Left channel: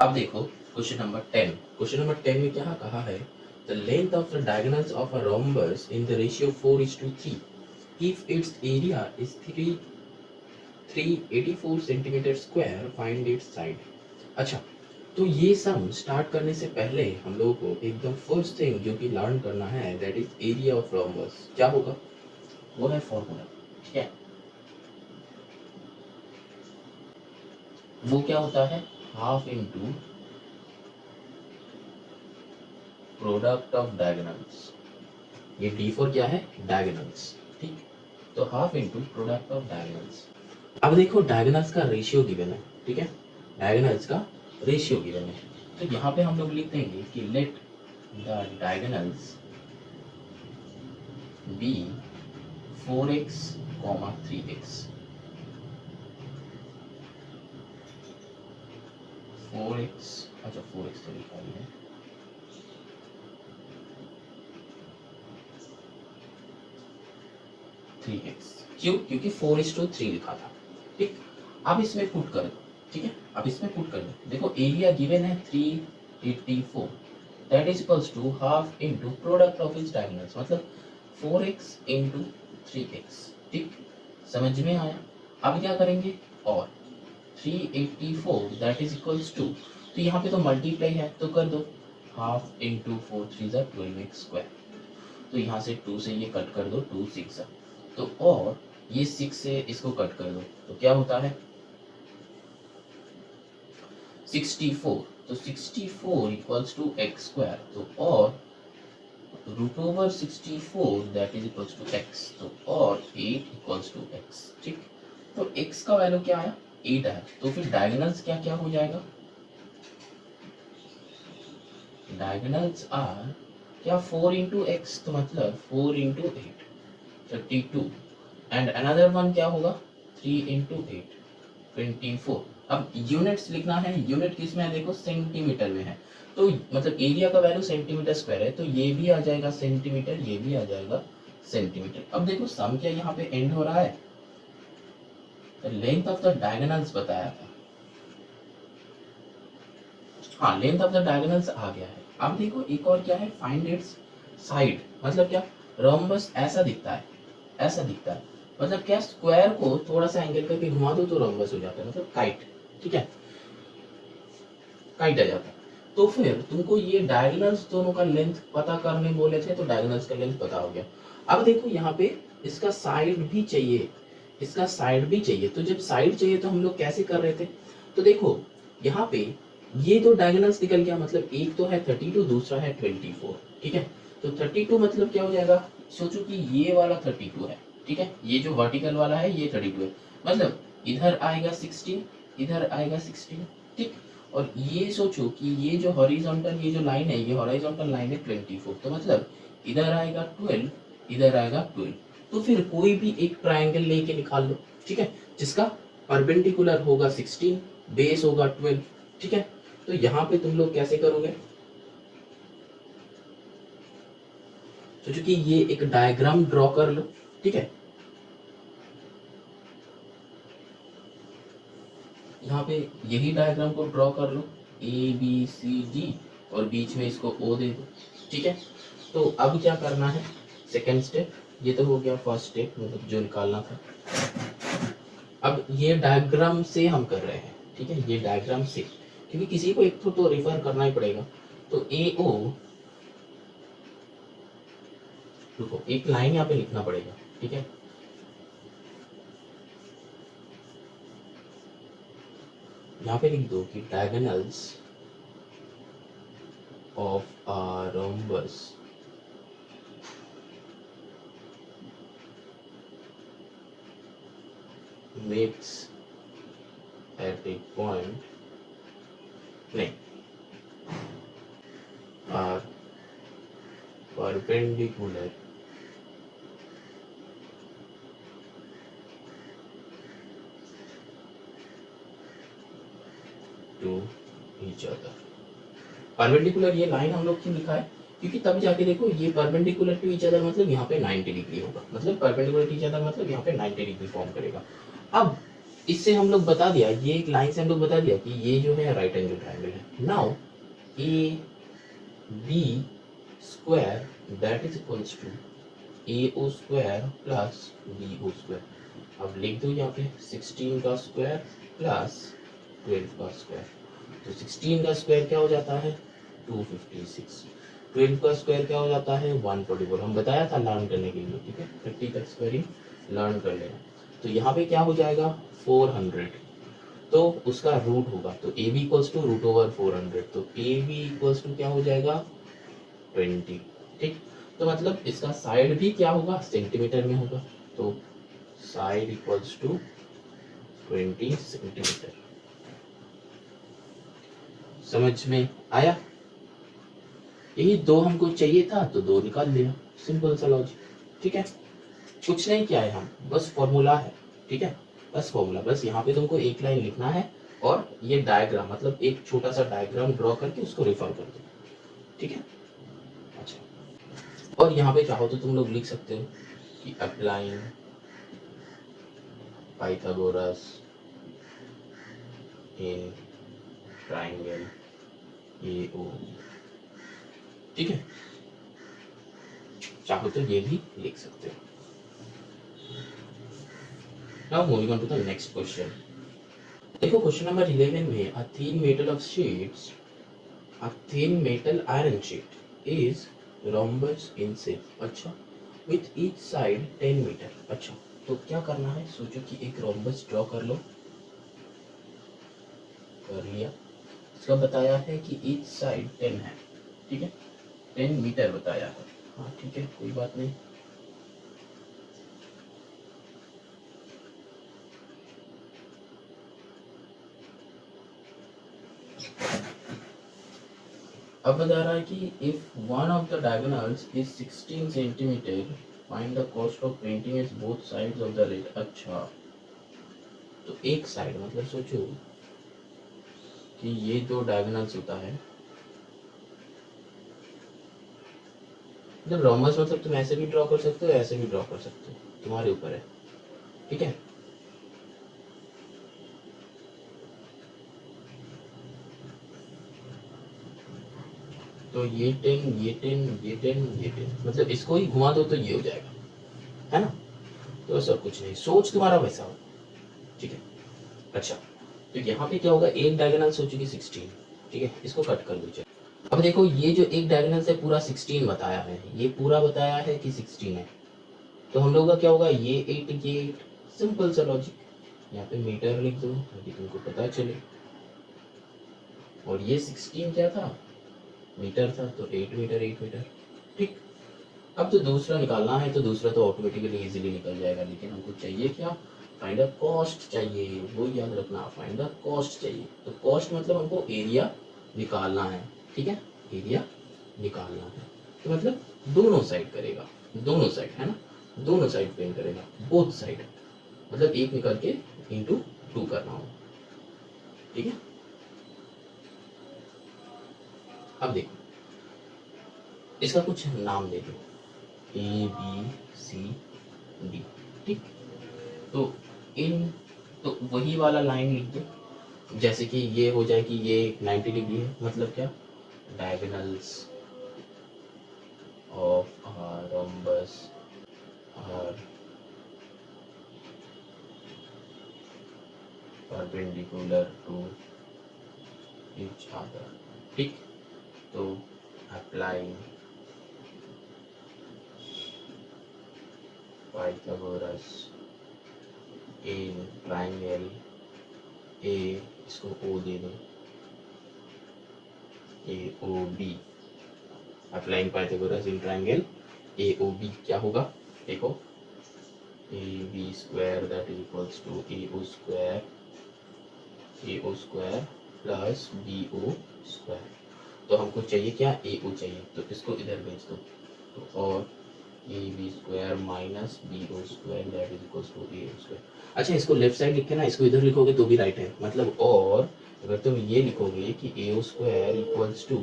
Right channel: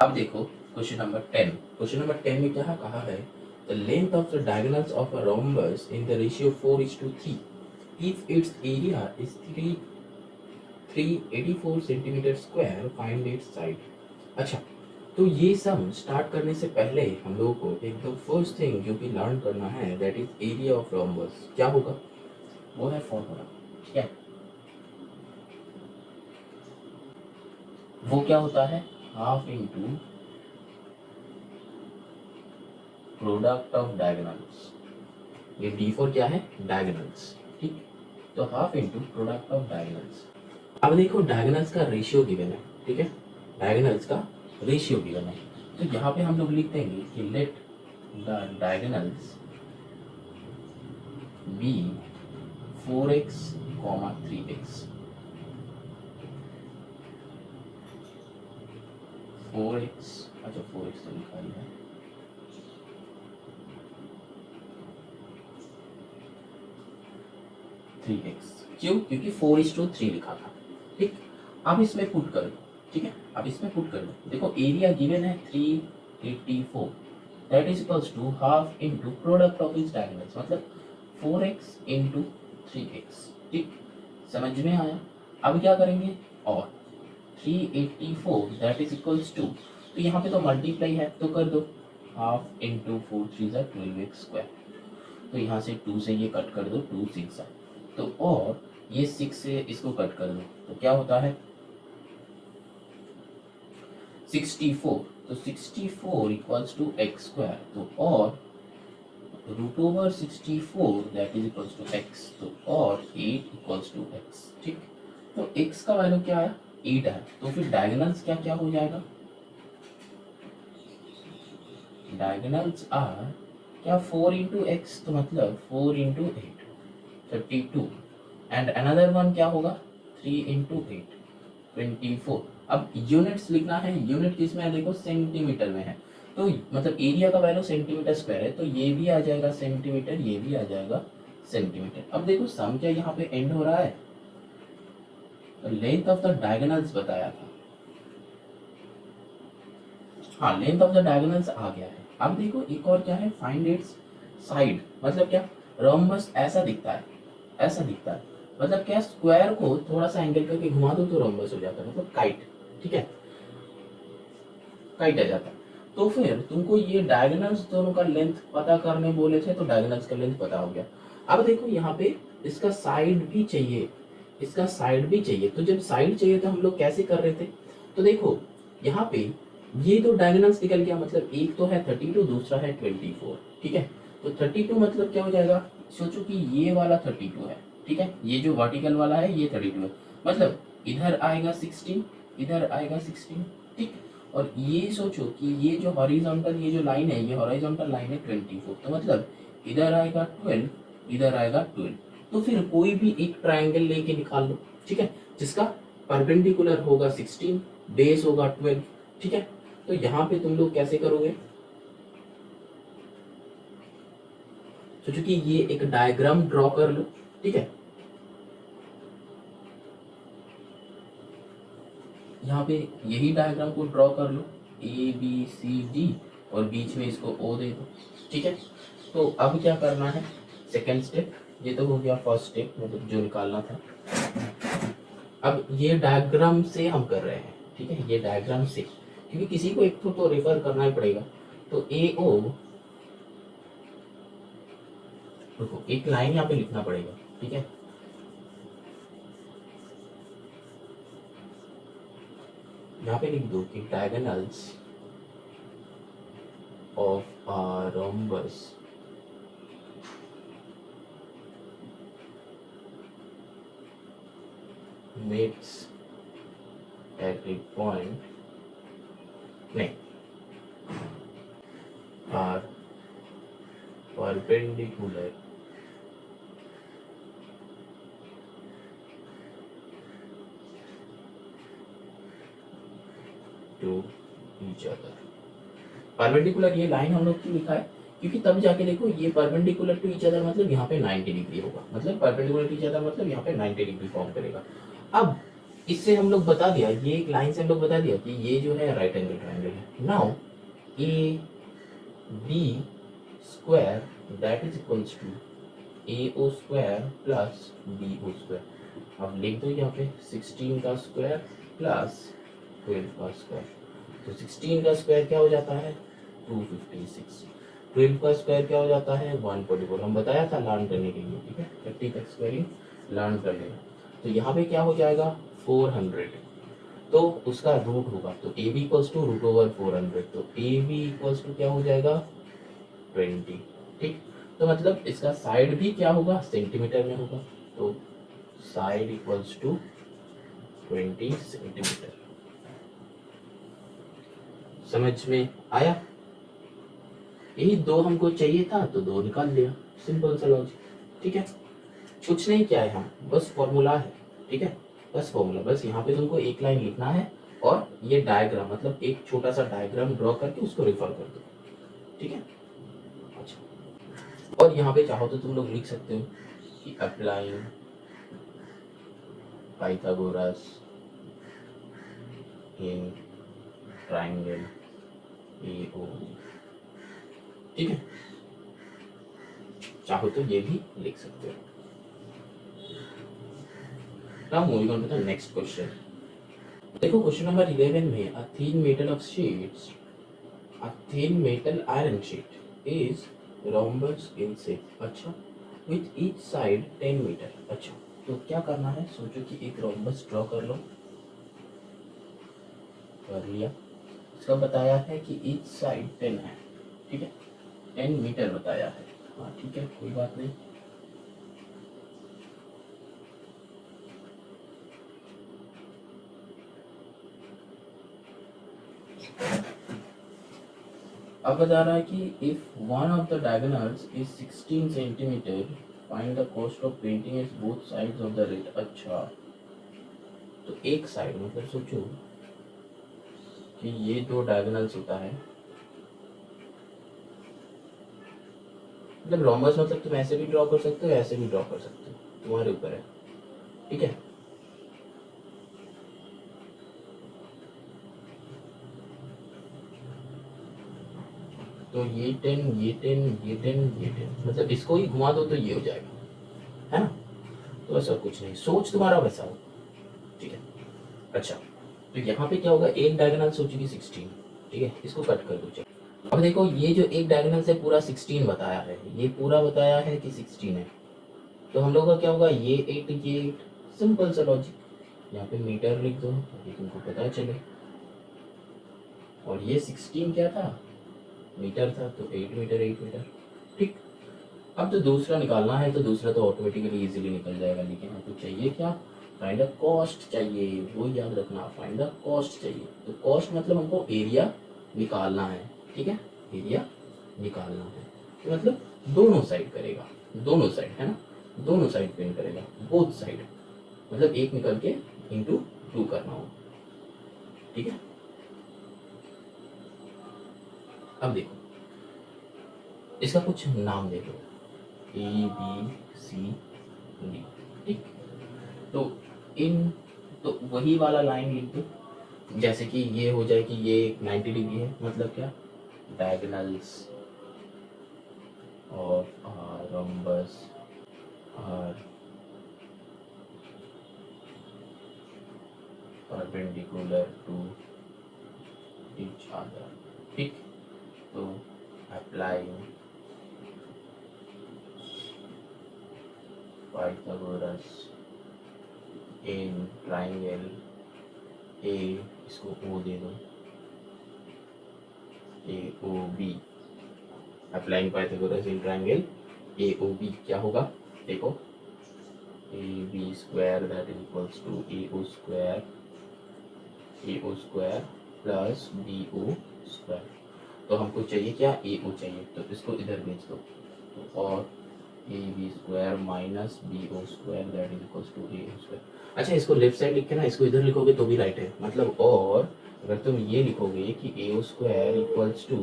अब देखो question number 10। Question number 10 में क्या कहा है, the length of the diagonals of a rhombus in the ratio 4:3 if it's area is 384 centimetre square find its side. अच्छा, तो ये सब स्टार्ट करने से पहले हम लोगों को एकदम फर्स्ट थिंग जो कि लर्न करना है that is area of rhombus. क्या होगा, वो है फॉर्मूला। ठीक है, वो क्या होता है, half into product of diagonals. ये D4 क्या है, डायगोनल्स। ठीक, तो half into product of diagonals. अब देखो डायगोनल्स का रेशियो गिवन है। ठीक है, डायगोनल्स का रेशियो गिवन है, तो यहाँ पे हम लोग लिख देंगे कि let the diagonals B 4x, 3x। 4x, अच्छा 4x तो लिखा ही है, 3x। क्यों, क्योंकि 4:3 लिखा था। ठीक, अब इसमें पुट कर दो। ठीक है, अब इसमें पुट कर दो। देखो एरिया गिवन है 384, that is equals to half into product of its diagonals, मतलब 4x इनटू 3x। ठीक, समझ में आया। अब क्या करेंगे, और 384 दैट इज इक्वल्स टू, तो यहाँ पे तो मल्टीप्लाई है तो कर दो, हाफ इंटू 4 3 12x स्क्वायर। तो यहाँ से 2 से ये कट कर दो, 2 6, तो और ये 6 से इसको कट कर दो तो क्या होता है 64। तो 64 इक्वल्स टू एक्स स्क्वायर, तो और root over 64 that is equals to x, तो और 8 इक्वल्स टू एक्स। ठीक, तो x का वैल्यू क्या आया, 8 है, तो फिर डायगोनल्स क्या क्या हो जाएगा, डायगोनल्स आर क्या 4 इंटू एक्स, तो मतलब 4 इंटू 8 32, एंड अनदर वन क्या होगा 3 इंटू 8 24। अब यूनिट्स लिखना है, यूनिट किस में है, देखो सेंटीमीटर में है, तो मतलब एरिया का वैल्यू सेंटीमीटर स्क्वायर है, तो ये भी आ जाएगा सेंटीमीटर, ये भी आ जाएगा सेंटीमीटर। अब देखो सम क्या यहाँ पे एंड हो रहा है, लेंथ ऑफ द डायगोनल्स बताया था, हाँ लेंथ ऑफ द डायगोनल्स आ गया है। अब देखो एक और क्या है, फाइंड इट्स साइड, मतलब क्या, रोम्बस ऐसा दिखता है, ऐसा दिखता है, मतलब क्या, स्क्वायर को थोड़ा सा एंगल करके घुमा दो तो रोम्बस हो जाता है, मतलब काइट। ठीक है, काइट आ जाता है। तो फिर तुमको ये डायगोनल्स दोनों का लेंथ पता करने बोले थे, तो डायगोनल्स का लेंथ पता हो गया। अब देखो यहाँ पे इसका साइड भी चाहिए, इसका साइड भी चाहिए, तो जब साइड चाहिए तो हम लोग कैसे कर रहे थे, तो देखो यहाँ पे ये दो डायगोनल्स निकल गया, मतलब एक तो है 32, दूसरा है 24। ठीक है, तो 32 मतलब क्या हो जाएगा, सोचो कि ये वाला 32 है। ठीक है, ये जो वर्टिकल वाला है ये 32 है, मतलब इधर आएगा 16, इधर आएगा 16। ठीक, और ये सोचो कि ये जो हॉरिजॉन्टल, ये जो लाइन है, ये हॉरिजॉन्टल लाइन है 24, तो मतलब इधर आएगा 12, इधर आएगा 12। तो फिर कोई भी एक ट्रायंगल लेके निकाल लो। ठीक है, जिसका परपेंडिकुलर होगा 16, बेस होगा 12। ठीक है, तो यहाँ पे तुम लोग कैसे करोगे, सोचो कि ये एक डायग्राम ड्रॉ कर लो। ठीक है, यहाँ पे यही डायग्राम को ड्रॉ कर लो, ABCD, और बीच में इसको O दे दो। ठीक है, तो अब क्या करना है, सेकेंड स्टेप, ये तो हो गया फर्स्ट स्टेप, मतलब जो निकालना था। अब ये डायग्राम से हम कर रहे हैं। ठीक है, ये डायग्राम से, क्योंकि किसी को एक तो रिफर करना ही पड़ेगा, तो AO, रुको एक लाइन यहाँ पे लिखना पड़ेगा। ठीक है, यहाँ पे लिख दो कि diagonals of a rhombus meets at the point नहीं are perpendicular to each other। Perpendicular ये लाइन हम लोग क्यों लिखा है, क्योंकि तब जाके देखो ये परपेंडिकुलर टू ईच अदर मतलब यहाँ पे 90 डिग्री होगा, मतलब परपेंडिकुलर टू ईच अदर मतलब यहाँ पे 90 डिग्री फॉर्म करेगा। अब इससे हम लोग बता दिया, ये एक लाइन से हम लोग बता दिया कि ये जो है राइट एंगल ट्रायंगल है। Now A B square that is equals to A O square plus B O square. अब लिख दो यहाँ पे 16 का स्क्वायर प्लस 12 का स्क्वायर, तो 16 का स्क्वायर क्या हो जाता है 256, 12 का स्क्वायर क्या हो जाता है 144। हम बताया था लर्न करने के लिए, ठीक है 30 तक स्क्वायरिंग लर्न कर लेना। तो यहाँ पे क्या हो जाएगा 400, तो उसका रूट होगा तो A B equals to root over 400, तो ए बी इक्वल्स टू क्या हो जाएगा 20। ठीक, तो मतलब इसका साइड भी क्या होगा सेंटीमीटर में होगा, तो साइड इक्वल्स टू 20 सेंटीमीटर। समझ में आया, ये दो हमको चाहिए था तो दो निकाल लिया, सिंपल सा लॉजिक। ठीक है, कुछ नहीं किया है हम, बस फॉर्मूला है। ठीक है, बस फॉर्मूला, बस यहाँ पे तुमको एक लाइन लिखना है और ये डायग्राम मतलब एक छोटा सा डायग्राम ड्रॉ करके उसको रेफर कर दो। ठीक है, अच्छा, और यहाँ पे चाहो तो तुम लोग लिख सकते हो कि applying Pythagoras in triangle AO। ठीक है, चाहो तो ये भी लिख सकते हो। Now moving on to the next question. देखो क्वेश्चन नंबर 11 में a thin metal of sheets, a thin metal iron sheet is rhombus in shape. अच्छा, विथ ईच साइड 10 मीटर। अच्छा, तो क्या करना है, सोचो कि एक रोम्बस ड्रॉ कर लो, कर लिया। इसका बताया है कि ईच साइड 10 है, ठीक है 10 मीटर बताया है। हाँ ठीक है, कोई बात नहीं। अब बता रहा है कि if one of the diagonals is 16 centimetre find the cost of painting is both sides of the rate. अच्छा, तो एक साइड मतलब सोचो कि ये दो डायगोनल्स होता है, जब रोम्बस मतलब तुम ऐसे भी ड्रॉ कर सकते हो ऐसे भी ड्रॉ कर सकते हो, तुम्हारे ऊपर है। ठीक है, तो ये 10 ये 10 ये 10 ये 10 मतलब इसको ही घुमा दो तो ये हो जाएगा, है ना। तो बस और कुछ नहीं, सोच तुम्हारा वैसा हो। ठीक है, अच्छा, तो यहाँ पे क्या होगा, एक डायगोनल सोचोगे 16, ठीक है इसको कट कर दो। अब देखो ये जो एक डायगोनल से पूरा 16 बताया है, ये पूरा बताया है कि 16 है, तो हम लोग का क्या होगा ये 8 ये 8, सिंपल सा लॉजिक। यहाँ पे मीटर लिख दो ताकि तुमको पता चले, और ये 16 क्या था मीटर था, तो 8 मीटर 8 मीटर। ठीक, अब तो दूसरा निकालना है, तो दूसरा तो ऑटोमेटिकली इजीली निकल जाएगा, लेकिन हमको चाहिए क्या, फाइंड द कॉस्ट चाहिए, वो याद रखना, फाइंड द कॉस्ट चाहिए। तो कॉस्ट मतलब हमको एरिया निकालना है, ठीक है एरिया निकालना है, तो मतलब दोनों साइड करेगा, दोनों साइड है ना, दोनों साइड पे करेगा, बोथ साइड मतलब एक निकल के इंटू 2 करना हो। ठीक है, अब देखो इसका कुछ नाम दे दो, ABCD। ठीक, तो इन तो वही वाला लाइन लिख दो, जैसे कि ये हो जाए कि ये 90 डिग्री है, मतलब क्या diagonals of rhombus are perpendicular to each other. ठीक, तो apply Pythagoras in triangle A, इसको ओ दे दो, AOB। Applying Pythagoras in triangle AOB क्या होगा, देखो A B square that is equals to A O square plus B O square. तो हमको चाहिए क्या, ए ओ चाहिए, तो इसको इधर भेज दो। तो और A B square minus B O square that is equals to A O square. अच्छा, इसको लेफ्ट साइड लिख के ना इसको इधर लिखोगे तो भी राइट है, मतलब और अगर तुम ये लिखोगे कि A O square equals to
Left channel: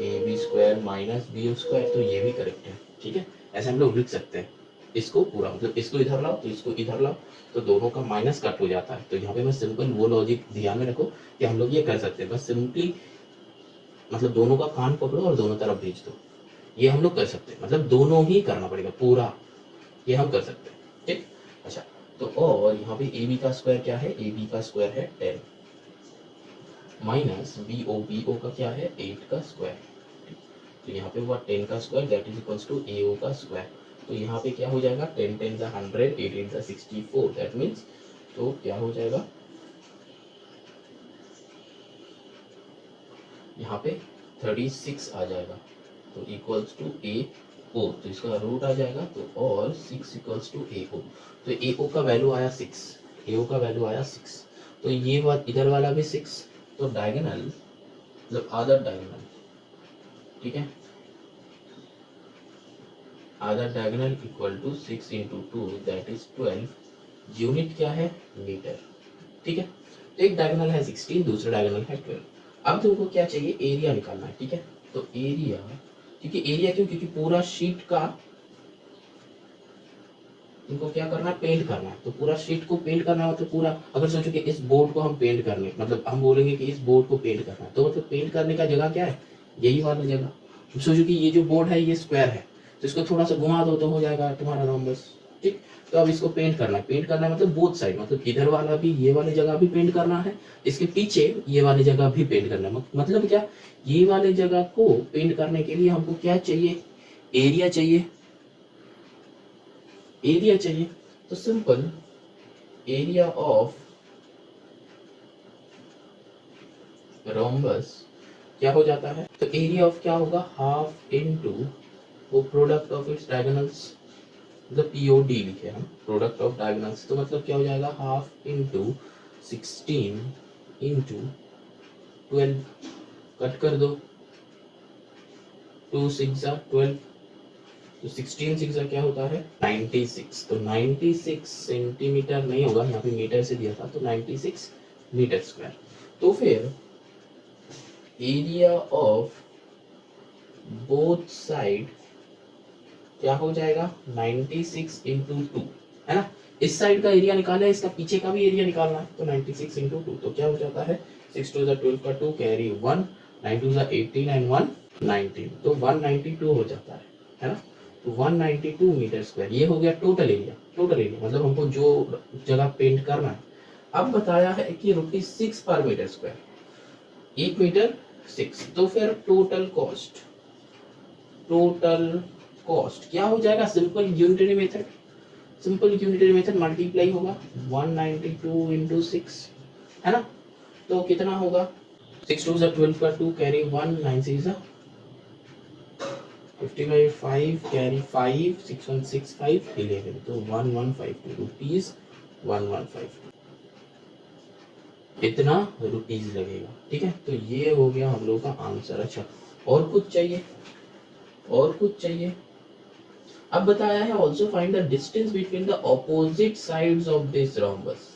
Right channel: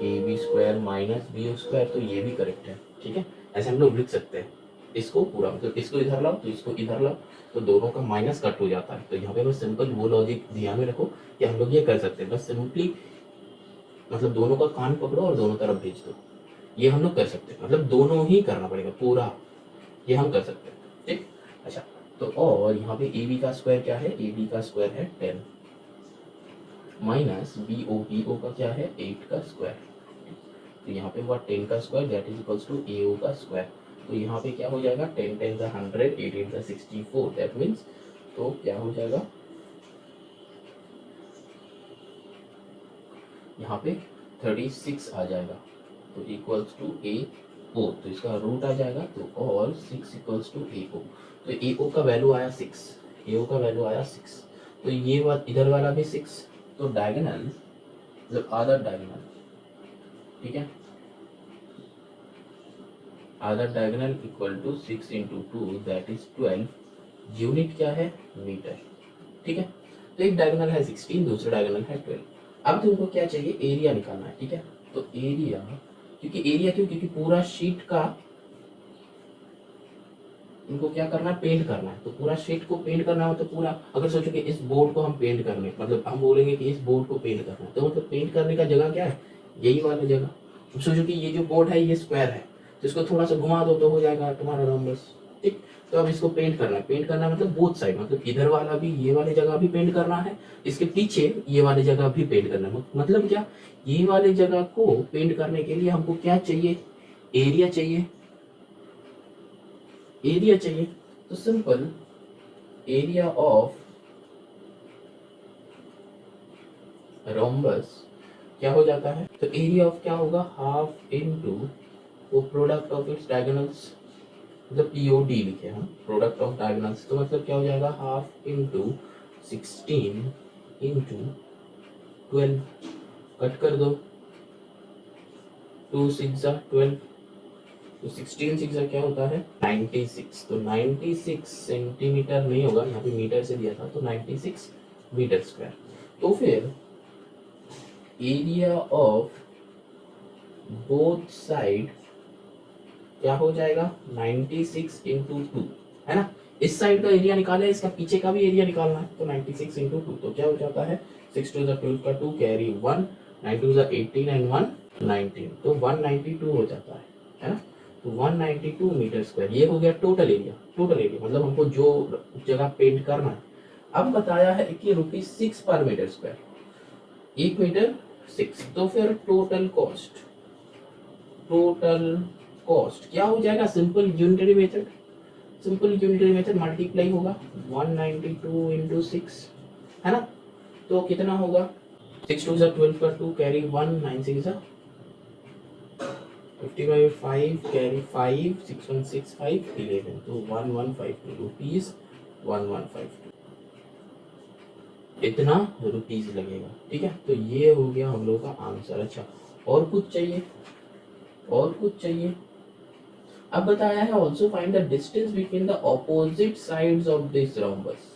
A B square minus B O square तो ये भी करेक्ट है। ठीक है, ऐसे हम लोग लिख सकते हैं इसको पूरा, मतलब इसको इधर लाओ तो इसको इधर लाओ तो दोनों का माइनस कट हो जाता है। तो यहाँ पे बस सिंपल वो लॉजिक ध्यान में रखो कि हम लोग ये कर सकते हैं, बस सिंपली मतलब दोनों का कान पकड़ो और दोनों तरफ भेज दो। ये हम लोग कर सकते हैं, मतलब दोनों ही करना पड़ेगा पूरा, ये हम कर सकते हैं। ठीक, अच्छा तो और यहाँ पे ए बी का स्क्वायर क्या है, ए बी का स्क्वायर है 10 माइनस बी ओ का क्या है 8 का स्क्वायर। तो यहाँ पे हुआ 10 का square that is equals to A O का स्क्वायर। तो यहाँ पे क्या हो जाएगा 10 10 का 100 8 8 का 64 दैट मीन्स तो क्या हो जाएगा यहाँ पे 36 आ जाएगा। तो इक्वल्स टू ए ओ, तो इसका रूट आ जाएगा तो और 6 इक्वल्स टू ए ओ। तो ए ओ का वैल्यू आया 6, ए ओ का वैल्यू आया 6। तो ये बात इधर वाला भी 6, तो डायगोनल मतलब अदर डायगोनल, ठीक है, other diagonal equal to 6 into 2 that is 12। Unit क्या है मीटर। ठीक है, तो एक डायगोनल है 16, दूसरा डायगोनल है 12। अब तुमको क्या चाहिए, एरिया निकालना है। ठीक है, तो एरिया, क्योंकि एरिया क्यों, क्योंकि पूरा शीट का तुमको क्या करना है, पेंट करना है। तो पूरा शीट को पेंट करना हो तो पूरा, अगर सोचो कि इस बोर्ड को हम पेंट करने, मतलब हम बोलेंगे कि इस बोर्ड को पेंट करना है, तो मतलब पेंट करने का जगह क्या है, यही वाला जगह। तो सोचो कि ये जो बोर्ड है ये स्क्वायर है, तो इसको थोड़ा सा घुमा दो तो हो जाएगा तुम्हारा रोम्बस। ठीक, तो अब इसको पेंट करना है, पेंट करना है मतलब बोथ साइड, मतलब इधर वाला भी, ये वाली जगह भी पेंट करना है, इसके पीछे ये वाली जगह भी पेंट करना है। मतलब क्या, ये वाले जगह को पेंट करने के लिए हमको क्या चाहिए, एरिया चाहिए, एरिया चाहिए। तो सिंपल एरिया ऑफ रोम्बस क्या हो जाता है, तो एरिया ऑफ क्या होगा, हाफ इनटू वो प्रोडक्ट ऑफ इट्स डायगोनल्स, मतलब पीओडी लिखे हम, प्रोडक्ट ऑफ डायगोनल्स। तो मतलब क्या हो जाएगा, हाफ इनटू 16 इनटू 12, कट कर दो, 2 6 12, तो 16 6 क्या होता है 96। तो 96 सेंटीमीटर नहीं होगा, यहाँ पे मीटर से दिया था, तो 96 मीटर स्क्वायर। तो फिर एरिया ऑफ बोथ साइड क्या हो जाएगा 96 इंटू 2, है ना। इस साइड का एरिया निकाले, इसका पीछे का भी एरिया निकालना है, तो 96 इंटू 2 तो क्या हो जाता है 6 2 12 का 2 कैरी 1, 9 2 18 एंड 1 19, तो 192 हो जाता है ना। तो 192 मीटर स्क्वायर ये हो गया टोटल एरिया। टोटल एरिया मतलब हमको जो जगह पेंट करना है। अब बताया है कि ₹6 पर मीटर स्क्वायर, 1 मीटर 6, तो फिर टोटल कॉस्ट क्या हो जाएगा, simple unitary method, simple unitary method multiply होगा 192 इंटू 6, है ना। तो कितना होगा 6 2 12 का 2 कैरी 1, 9 6 50/5 कैरी 5, 6 1 6 5 11, तो 1152 रुपीज 1152 इतना रुपीज लगेगा। ठीक है, तो ये हो गया हम लोग का आंसर। अच्छा, और कुछ चाहिए, और कुछ चाहिए। अब बताया है also find the distance between the opposite sides of this rhombus.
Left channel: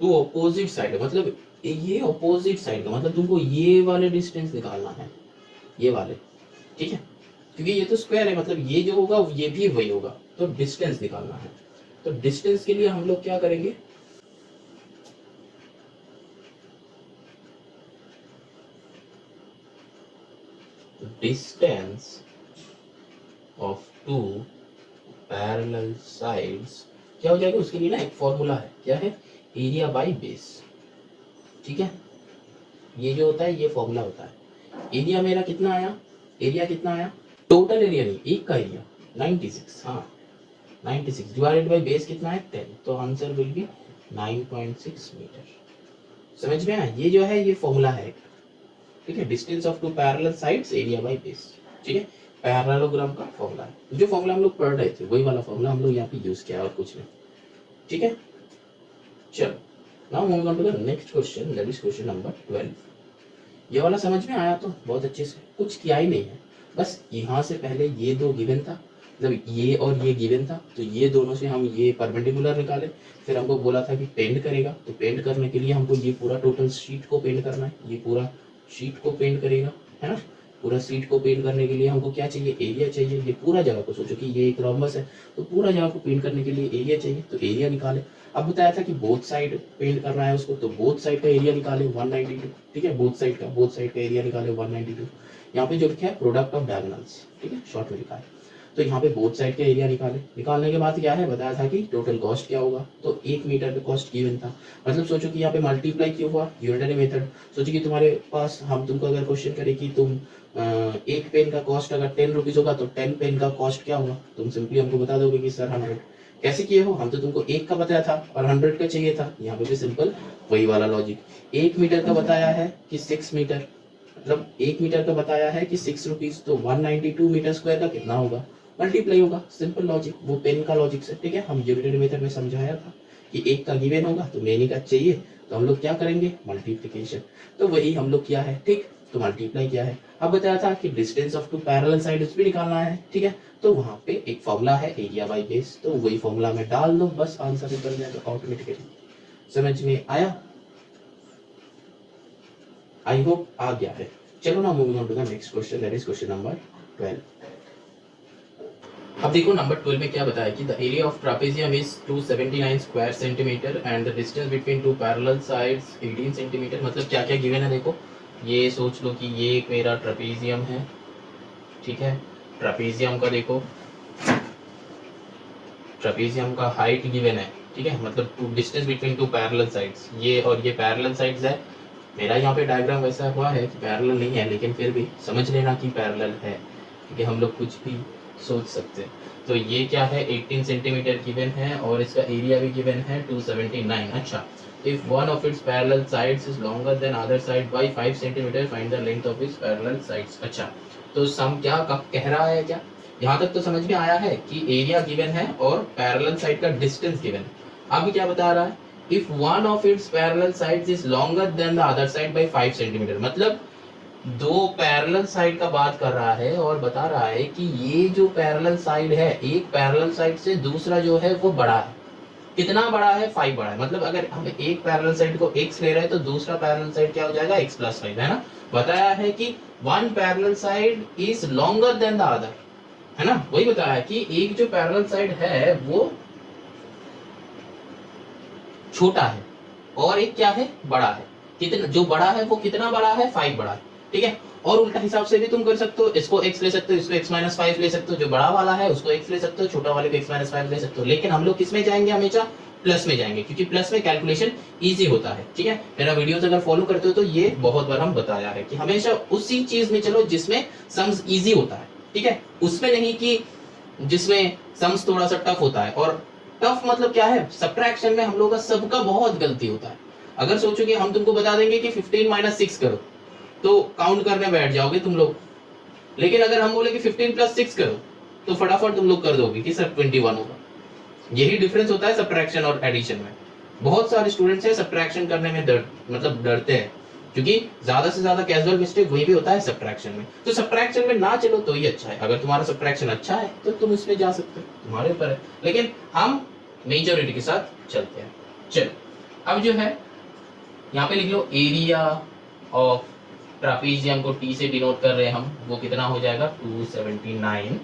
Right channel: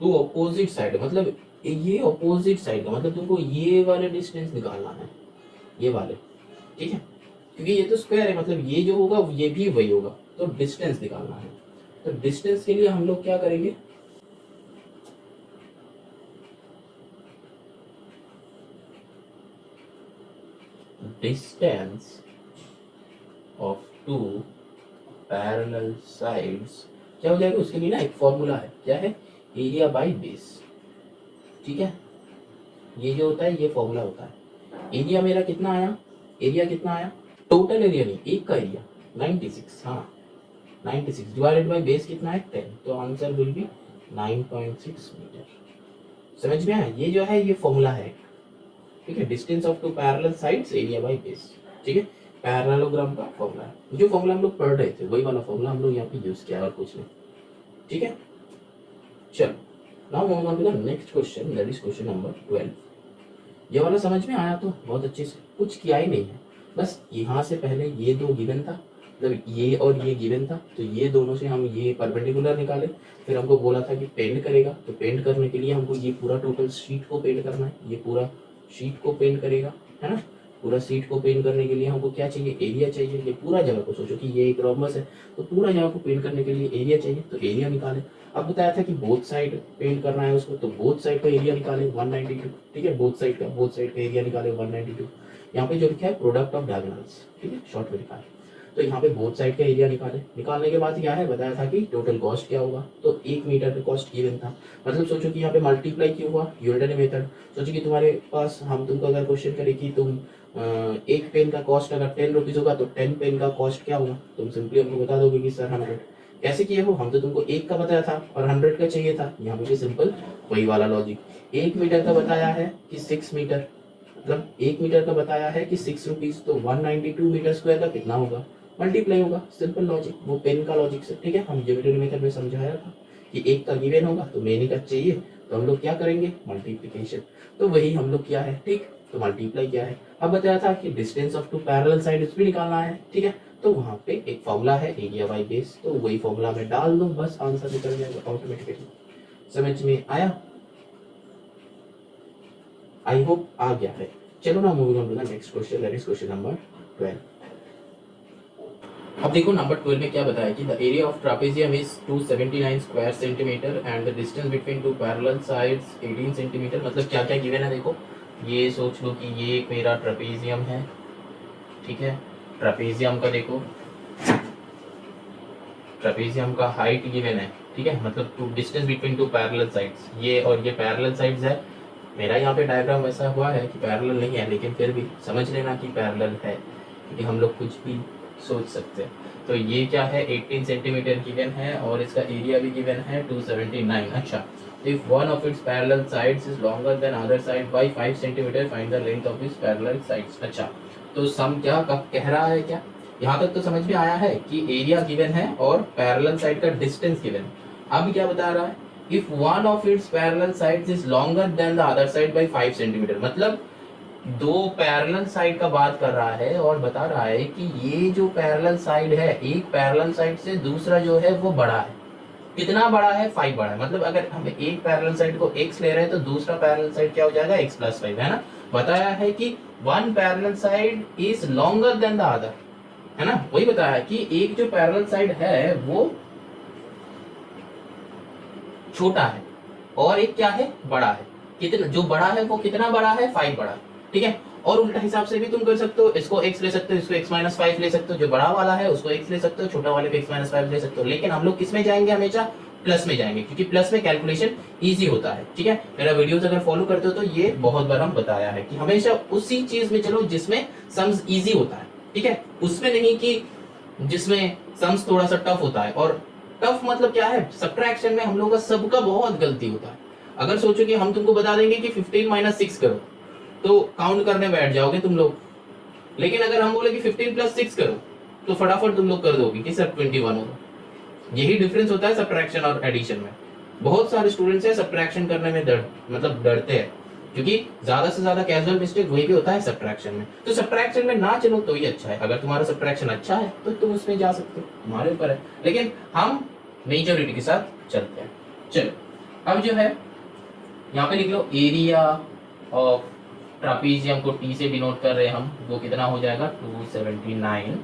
Two opposite side मतलब ये ऑपोजिट साइड का मतलब तुमको ये वाले डिस्टेंस निकालना है, ये वाले। ठीक है, क्योंकि ये तो स्क्वायर है, मतलब ये जो होगा ये भी वही होगा, तो डिस्टेंस निकालना है। तो डिस्टेंस के लिए हम लोग क्या करेंगे, distance of two parallel sides क्या हो जाएगा, उसके लिए ना एक फॉर्मूला है, क्या है, एरिया बाय बेस। ठीक है, ये जो होता है ये फॉर्मूला होता है। एरिया मेरा कितना आया, एरिया कितना आया, टोटल एरिया नहीं, एक का एरिया 96, हाँ 96 डिवाइडेड बाय बेस कितना है 10, तो आंसर विल बी 9.6 मीटर। समझ में आया, ये जो है ये फॉर्मूला है। ठीक है, distance of two parallel sides area by base. ठीक है, पैरेललोग्राम का फॉर्मूला है। जो फॉर्मूला हम लोग पढ़ रहे थे वही वाला फॉर्मूला हम लोग यहाँ पे यूज किया है और कुछ नहीं, ठीक है। चलो now moving on to the next question, that is question number 12। ये वाला समझ में आया तो बहुत अच्छे से, कुछ किया ही नहीं है, बस यहाँ से पहले ये दो गिवन था, मतलब ये और ये गिवन था, तो ये दोनों से हम ये परपेंडिकुलर निकाले, फिर हमको बोला था कि पेंट करेगा, तो पेंट करने के लिए हमको ये पूरा टोटल शीट को पेंट करना है, ये पूरा शीट को पेंट करेगा, है ना। पूरा शीट को पेंट करने के लिए हमको क्या चाहिए, एरिया चाहिए। ये पूरा जगह को सोचो कि ये एक रोम्बस है, तो पूरा जगह को पेंट करने के लिए एरिया चाहिए, तो एरिया निकाले। अब बताया था कि बोथ साइड पेंट करना है उसको, तो बोथ साइड का एरिया निकाले 192, ठीक है। बोथ साइड का एरिया निकाले 192। यहाँ पे जो लिखा है प्रोडक्ट ऑफ डायगोनल्स, ठीक है, शॉर्ट में लिखा है। तो यहाँ पे बोथ साइड का एरिया निकाले, निकालने के बाद क्या है बताया था कि टोटल कॉस्ट क्या होगा, तो 1 मीटर पे कॉस्ट गिवन था। मतलब सोचो कि यहाँ पे मल्टीप्लाई क्यों हुआ, यूनिटरी मेथड। सोचो कि तुम्हारे पास हम तुमको अगर क्वेश्चन करे कि तुम एक पेन का कॉस्ट अगर 10 रुपीज होगा तो 10 पेन का कॉस्ट क्या होगा, तुम सिंपली हमको बता दोगे कि सर 100। कैसे किए हो, हम तो तुमको 1 का बताया था और 100 का चाहिए था। यहाँ पे भी सिंपल वही वाला लॉजिक। 1 मीटर का बताया है कि 6 मीटर, मतलब 1 मीटर का बताया है कि 6 रुपीज, तो 192 मीटर स्क्वायर का कितना होगा, मल्टीप्लाई होगा। सिंपल लॉजिक, वो पेन का लॉजिक से, ठीक है। हम यूनिटरी मेथड में समझाया था कि 1 का गिवन होगा तो मेनी का चाहिए, तो हम लोग क्या करेंगे, मल्टीप्लिकेशन। तो वही हम लोग किया है, ठीक, तो मल्टीप्लाई किया है। अब बताया था कि distance of two parallel sides भी निकालना है, ठीक है। तो वहां पे एक फॉर्मूला है एरिया बाय बेस, तो वही फॉर्मूला में डाल दो, बस आंसर निकल जाएगा ऑटोमेटिकली। समझ में आया, आई होप आ गया है। चलो ना moving on to the next question, that is question number 12। अब देखो नंबर 12 में क्या बताया कि the area of trapezium is 279 square centimetre and the distance between two parallel sides 18 centimetre. मतलब क्या क्या गिवन है देखो, ये सोच लो कि ये एक मेरा ट्रापेजियम है, ठीक है। ट्रापेजियम का देखो, ट्रापेजियम का हाइट गिवन है, ठीक है, मतलब two distance between two parallel sides, ये और ये पैरेलल साइड्स है। मेरा यहाँ पे डायग्राम वैसा हुआ है कि पैरेलल नहीं है, लेकिन फिर भी समझ लेना कि पैरेलल है, क्योंकि हम लोग कुछ भी सोच सकते हैं। तो ये क्या है, 18 सेंटीमीटर गिवन है और इसका एरिया भी गिवन है 279। अच्छा, if one of its parallel sides is longer than other side by 5 centimetre, find the length of its parallel sides. अच्छा, तो सम क्या कह रहा है, क्या यहाँ तक तो समझ में आया है कि एरिया गिवन है और पैरेलल साइड का डिस्टेंस गिवन है। अब क्या बता रहा है, if one of its parallel sides is longer than the other side by 5 centimetre. मतलब दो पैरेलल साइड का बात कर रहा है और बता रहा है कि ये जो पैरेलल साइड है, एक पैरेलल साइड से दूसरा जो है वो बड़ा है। कितना बड़ा है, 5 बड़ा है। मतलब अगर हम एक पैरेलल साइड को x ले रहे हैं तो दूसरा पैरेलल साइड क्या हो जाएगा, x + 5, है ना। बताया है कि one parallel side is longer than the other, है ना। वही बताया है कि एक जो पैरेलल साइड है वो छोटा है और एक क्या है, बड़ा है। कितना, जो बड़ा है वो कितना बड़ा है, 5 बड़ा है, ठीक है। और उल्टा हिसाब से भी तुम कर सकते हो, इसको x ले सकते हो, इसको x - 5 ले सकते हो। जो बड़ा वाला है उसको x ले सकते हो, छोटा वाले को x - 5 ले सकते हो। लेकिन हम लोग किस में जाएंगे, हमेशा प्लस में जाएंगे, क्योंकि प्लस में कैलकुलेशन इजी होता है, ठीक है। मेरा वीडियोस अगर फॉलो करते हो तो ये बहुत बार हम बताया है कि हमेशा उसी चीज में चलो जिसमें सम्स इजी होता है, ठीक है। उसमें नहीं कि जिसमें सम्स थोड़ा सा टफ होता है। और टफ मतलब क्या है, सब्ट्रैक्शन में हम लोग का सबका बहुत गलती होता है। अगर सोचो कि हम तुमको बता देंगे कि 15 - 6 करो, तो काउंट करने बैठ जाओगे तुम लोग। लेकिन अगर हम बोले कि 15 + 6 करो, तो फटाफट तुम लोग कर दोगे कि सर 21 होगा। यही डिफरेंस होता है सब्ट्रैक्शन और एडिशन में। बहुत सारे स्टूडेंट्स हैं सब्ट्रैक्शन करने में डरते हैं, क्योंकि ज्यादा से ज्यादा कैजुअल मिस्टेक वही भी होता है सब्ट्रैक्शन में। तो सब्ट्रैक्शन में ना चलो तो ही अच्छा है। अगर तुम्हारा सब्ट्रैक्शन अच्छा है तो तुम उसमें जा सकते हो, तुम्हारे ऊपर है। लेकिन हम मेजॉरिटी के साथ चलते हैं। चलो अब जो है यहाँ पे लिख लो, एरिया ऑफ ट्रापीजियम को टी से डिनोट कर रहे हैं हम, वो कितना हो जाएगा, 279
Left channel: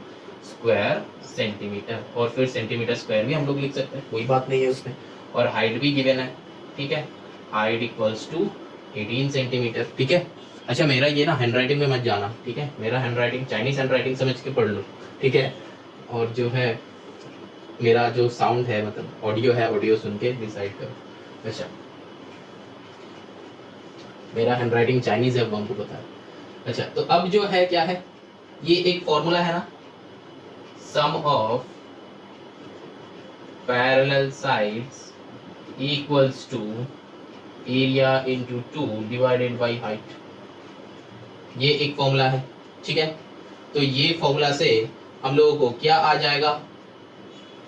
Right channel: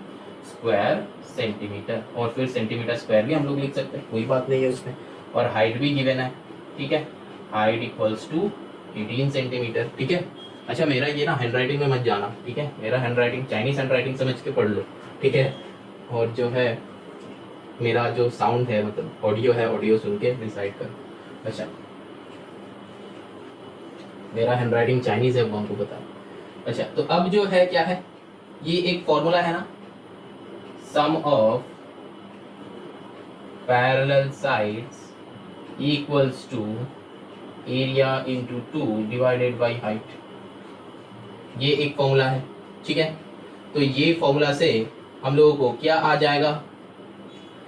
स्क्वायर सेंटीमीटर। और फिर सेंटीमीटर स्क्वायर भी हम लोग लिख सकते हैं, कोई बात नहीं है उसमें। और हाइट भी गिवन है, ठीक है, हाइट इक्वल्स टू 18 सेंटीमीटर, ठीक है। अच्छा, मेरा ये ना हैंडराइटिंग में मत जाना, ठीक है। मेरा हैंडराइटिंग चाइनीज हैंडराइटिंग समझ के पढ़ लो, ठीक है। और जो है मेरा जो साउंड है, मतलब ऑडियो है, ऑडियो सुन के डिसाइड करो। अच्छा, मेरा हैंडराइटिंग चाइनीज है, वो हमको पता है। अच्छा, तो अब जो है क्या है, ये एक फॉर्मूला है ना, sum of parallel sides equals to area into 2 divided by height. ये एक फॉर्मूला है, ठीक है। तो ये फॉर्मूला से हम लोगों को क्या आ जाएगा,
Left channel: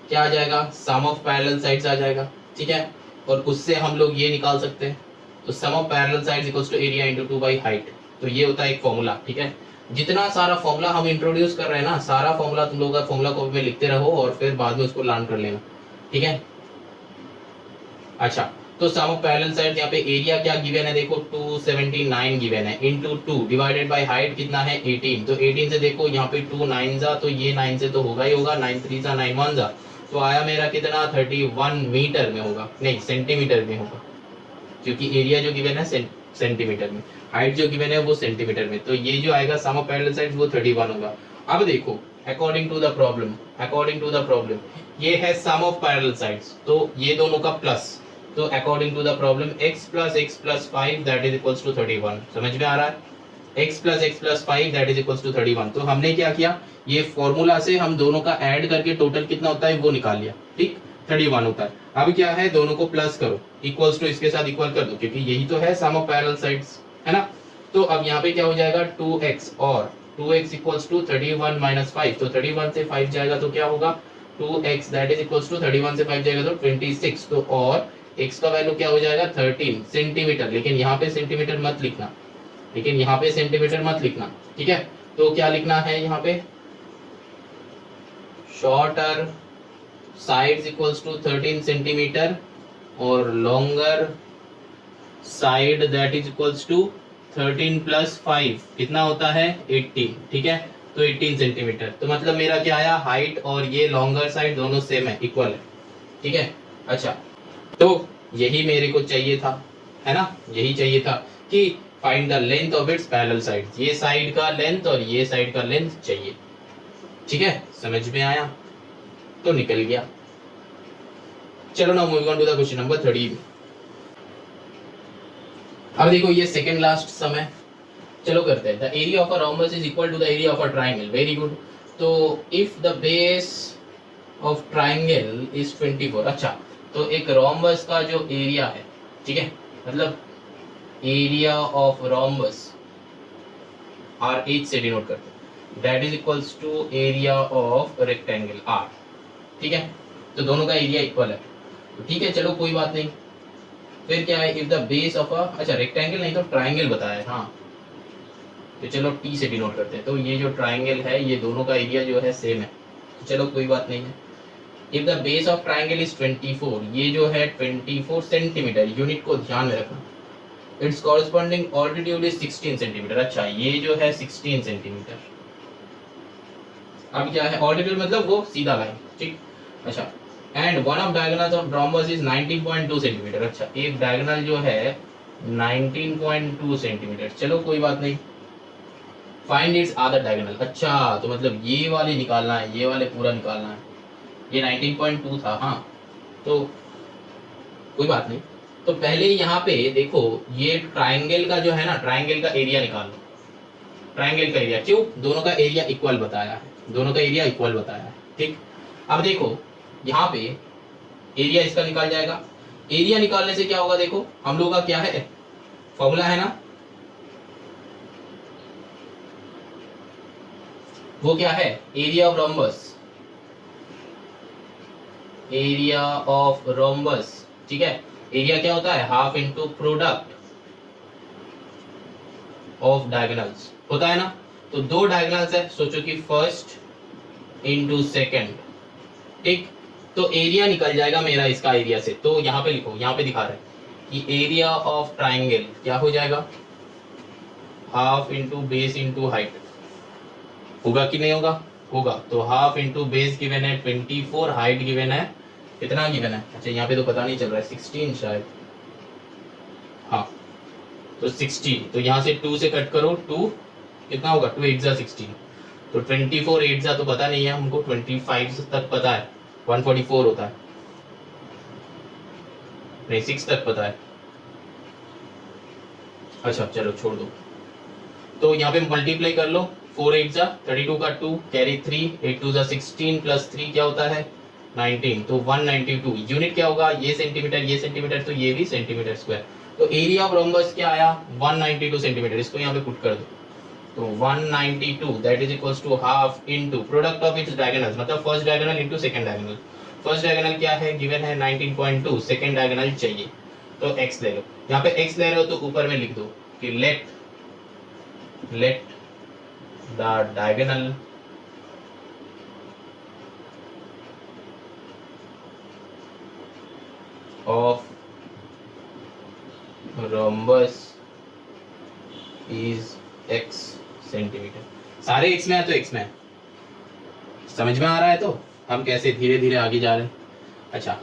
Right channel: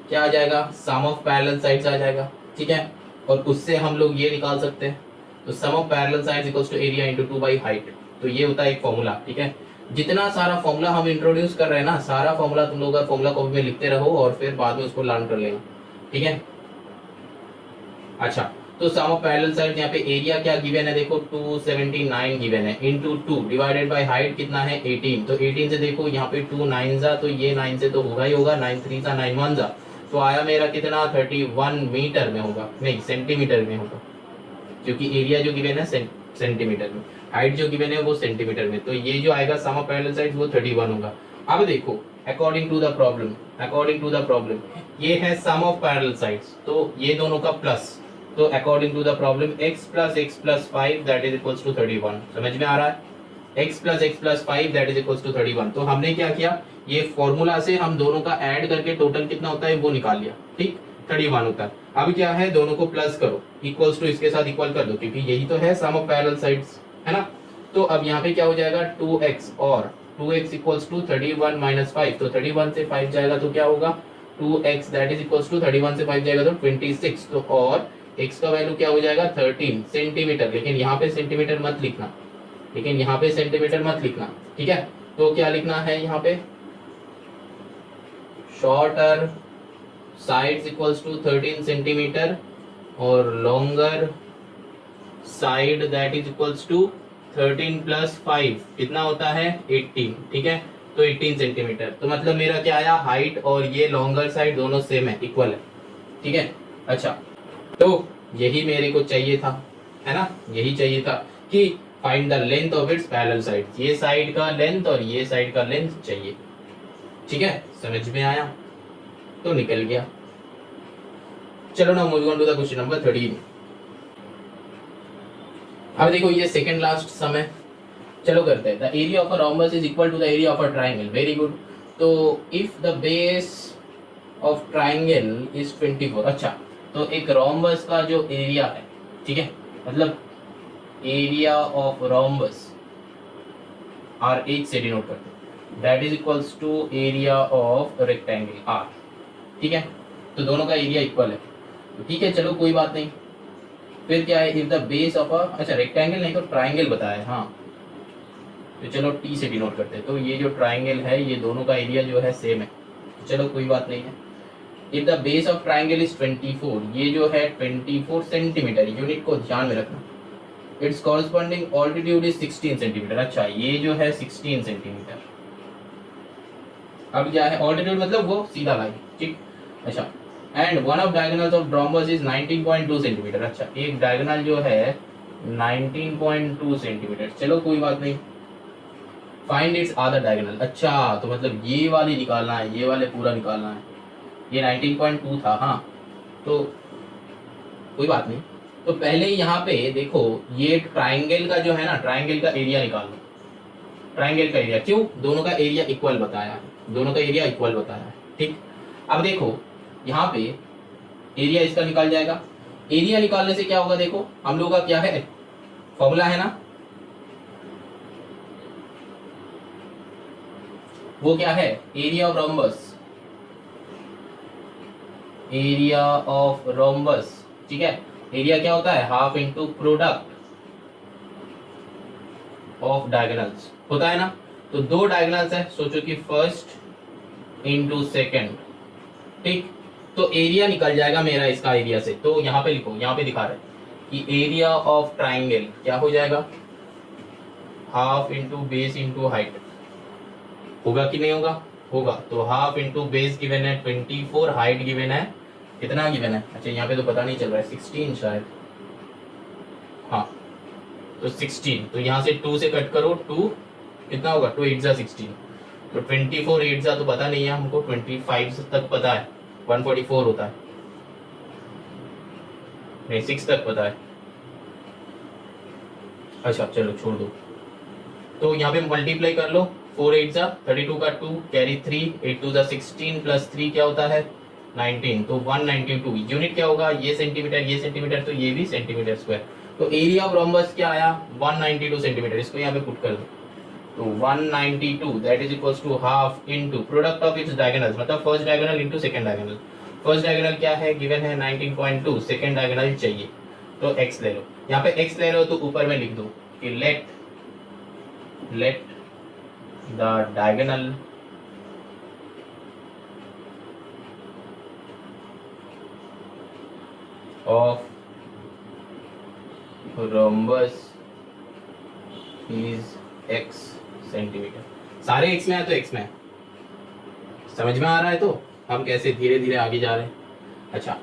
क्या आ जाएगा, सम ऑफ पैरेलल साइड्स आ जाएगा, ठीक है। और उससे हम लोग ये निकाल सकते हैं, तो sum of parallel sides equals to area into 2 by height. तो ये होता है एक फॉर्मूला, ठीक है। जितना सारा फॉर्मूला हम इंट्रोड्यूस कर रहे हैं ना, सारा फॉर्मूला तुम लोग का फॉर्मूला कॉपी में लिखते रहो और फिर बाद में उसको लर्न कर लेना, ठीक है। अच्छा, तो सम ऑफ पैरेलल साइड्स, यहाँ पे एरिया क्या गिवन है देखो 279 गिवन है, इनटू 2 डिवाइडेड बाय हाइट कितना है 18। तो 18 से देखो यहाँ पे 2 9 जा, तो ये 9 से तो होगा ही होगा, 9 3 जा 9 1 जा, तो आया मेरा कितना 31 मीटर में होगा, नहीं सेंटीमीटर में होगा, क्योंकि एरिया जो गिवन है सेंटीमीटर में, हाइट जो गिवन है वो सेंटीमीटर में। तो ये जो आएगा सम ऑफ पैरेलल साइड्स वो 31 होगा। अब देखो अकॉर्डिंग टू द प्रॉब्लम ये है सम ऑफ पैरेलल साइड्स, तो ये दोनों का प्लस, तो according to the problem x plus 5 that is equals to 31। समझ में आ रहा है, x plus 5 that is equals to 31। तो हमने क्या किया, ये फॉर्मूला से हम दोनों का ऐड करके टोटल कितना होता है वो निकाल लिया, ठीक 31 होता है। अब क्या है, दोनों को प्लस करो, इक्वल्स टू इसके साथ इक्वल कर दो, क्योंकि यही तो है सम ऑफ पैरेलल साइड्स, है ना। तो अब यहाँ पे क्या हो जाएगा 2x, और 2x इक्वल्स टू 31 माइनस 5, तो 31 से 5 जाएगा तो क्या होगा 2x that is equals to 31 से 5 जाएगा तो 26। तो और x का वैल्यू क्या हो जाएगा 13 सेंटीमीटर, लेकिन यहाँ पे सेंटीमीटर मत लिखना, ठीक है। तो क्या लिखना है यहाँ पे, shorter sides equals to 13 centimetre और longer side that is equals to 13 plus 5 कितना होता है 18, ठीक है। तो 18 सेंटीमीटर, तो मतलब मेरा क्या आया, हाइट और ये लॉन्गर साइड दोनों सेम है, इक्वल है, ठीक है। अच्छा, तो यही मेरे को चाहिए था, है ना, यही चाहिए था कि find the length of its parallel sides, ये साइड का लेंथ और ये साइड का लेंथ चाहिए, ठीक है। समझ में आया, तो निकल गया। चलो ना moving on to the question number 13। अब देखो ये सेकंड लास्ट सम है, चलो करते हैं। The area of a rhombus is equal to the area of a triangle, very good. तो if the base of triangle is 24, अच्छा तो एक रोम्बस का जो एरिया है, ठीक है, मतलब area of rhombus R H से डिनोट करते हैं, that is equals to area of rectangle R, ठीक है। तो दोनों का एरिया इक्वल है, ठीक है, चलो कोई बात नहीं। फिर क्या है, if the base of a, अच्छा रेक्टेंगल नहीं तो ट्रायंगल बताया है, हाँ, तो चलो टी से डिनोट करते हैं। तो ये जो ट्रायंगल है ये दोनों का एरिया जो है सेम है, तो चलो कोई बात नहीं है। If the base of triangle is 24, ये जो है 24 सेंटीमीटर, यूनिट को ध्यान में रखना, it's corresponding altitude is 16 centimetre, अच्छा ये जो है 16 सेंटीमीटर। अब क्या है, ऑल्टीट्यूड मतलब वो सीधा लाइन, ठीक, अच्छा। And one of diagonals of rhombus is 19.2 centimetre, अच्छा एक डायगोनल जो है 19.2 सेंटीमीटर, चलो कोई बात नहीं। फाइंड इट्स अदर डायगोनल, अच्छा तो मतलब ये वाले निकालना है, ये वाले पूरा निकालना है, ये 19.2 था, हाँ तो कोई बात नहीं। तो पहले यहाँ पे देखो ये ट्रायंगल का जो है ना, ट्रायंगल का एरिया निकाल लो, ट्रायंगल का एरिया, क्यों, दोनों का एरिया इक्वल बताया है, दोनों का एरिया इक्वल बताया है, ठीक। अब देखो यहाँ पे एरिया इसका निकल जाएगा, एरिया निकालने से क्या होगा, देखो हम लोग का क्या है फॉर्मूला है ना, वो क्या है, area of rhombus, area of rhombus, ठीक है। एरिया क्या होता है, half into product of diagonals होता है ना। तो दो डायगोनल्स है, सोचो कि फर्स्ट इनटू सेकंड, ठीक। तो एरिया निकल जाएगा मेरा इसका एरिया से, तो यहाँ पे लिखो, यहाँ पे दिखा रहे कि एरिया ऑफ ट्रायंगल क्या हो जाएगा, half into base into height, होगा कि नहीं होगा, होगा। तो हाफ इनटू बेस गिवन है 24, हाइट गिवन है कितना गिवन है, अच्छा यहाँ पे तो पता नहीं चल रहा है 16 शायद, हाँ तो 16, तो यहाँ से 2 से कट करो, 2 कितना होगा, 2 8 जा 16, तो 24 8 जा तो पता नहीं है हमको, 25 तक पता है, 144 होता है, नहीं 6 तक पता है, अच्छा चलो छोड़ दो। तो यहाँ पे मल्टीप्लाई कर लो, 4 8 जा 32 का 2 कैरी 3, 8 2 जा 16 प्लस 3 क्या होता है 19, तो 192। यूनिट क्या होगा, ये सेंटीमीटर, तो ये भी सेंटीमीटर स्क्वायर। तो एरिया ऑफ रोम्बस क्या आया 192 सेंटीमीटर, इसको यहाँ पे पुट कर दो, तो 192 that is equals to half into product of its diagonal, मतलब first diagonal into second diagonal. First diagonal क्या है, गिवन है 19.2, सेकंड डायगोनल चाहिए तो x ले लो। यहाँ पे x ले रहे हो तो ऊपर में लिख दो कि let the diagonal of rhombus is x centimetre. सारे x में है तो x में है, समझ में आ रहा है। तो हम कैसे धीरे धीरे आगे जा रहे हैं। अच्छा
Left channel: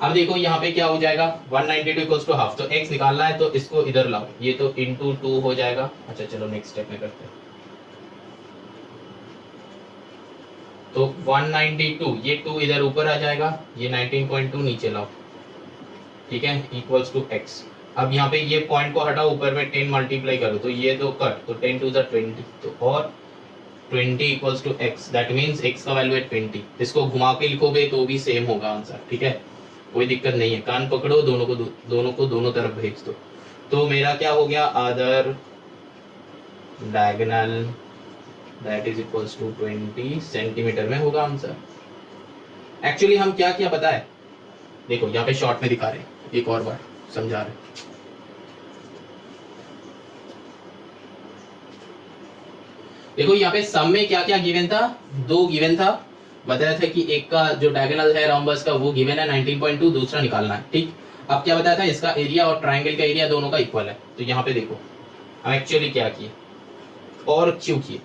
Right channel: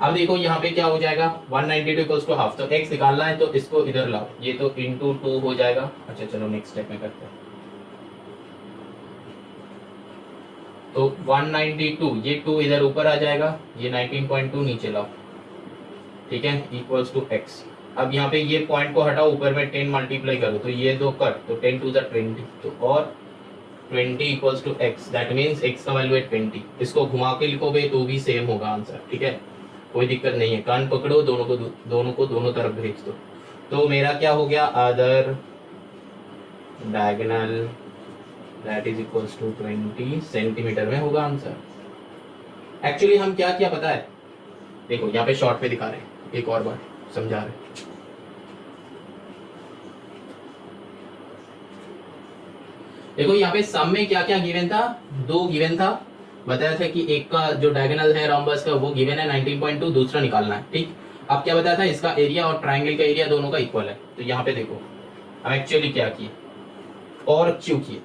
अब देखो यहाँ पे क्या हो जाएगा, 192 इक्वल्स टू हाफ, तो x निकालना है तो इसको इधर लाओ, ये तो इंटू 2 हो जाएगा। अच्छा चलो नेक्स्ट स्टेप में करते हैं। तो 192 ये 2 इधर ऊपर आ जाएगा, ये 19.2 नीचे लाओ, ठीक है, इक्वल्स टू x। अब यहाँ पे ये पॉइंट को हटाओ, ऊपर में 10 मल्टीप्लाई करो तो ये दो कट, तो 10 टू 20, तो और 20 equals to x, that means x का वैल्यू है 20। इसको घुमा के लिखोगे तो भी सेम होगा आंसर, ठीक है, कोई दिक्कत नहीं है। कान पकड़ो, दोनों को दोनों तरफ भेज दो। तो मेरा क्या हो गया, other diagonal that is equals to 20 centimetre में होगा आंसर। एक्चुअली हम क्या किया पता है, देखो यहाँ पे शॉर्ट में दिखा रहे हैं, एक और बार समझा रहे। देखो यहाँ पे सम में क्या क्या गिवन था, 2 गिवन था, बताया था कि एक का जो डायगोनल है रोम्बस का वो गिवन है 19.2, दूसरा निकालना है, ठीक। अब क्या बताया था, इसका एरिया और ट्रायंगल का एरिया दोनों का इक्वल है। तो यहाँ पे देखो हम एक्चुअली क्या किए और क्यों किए।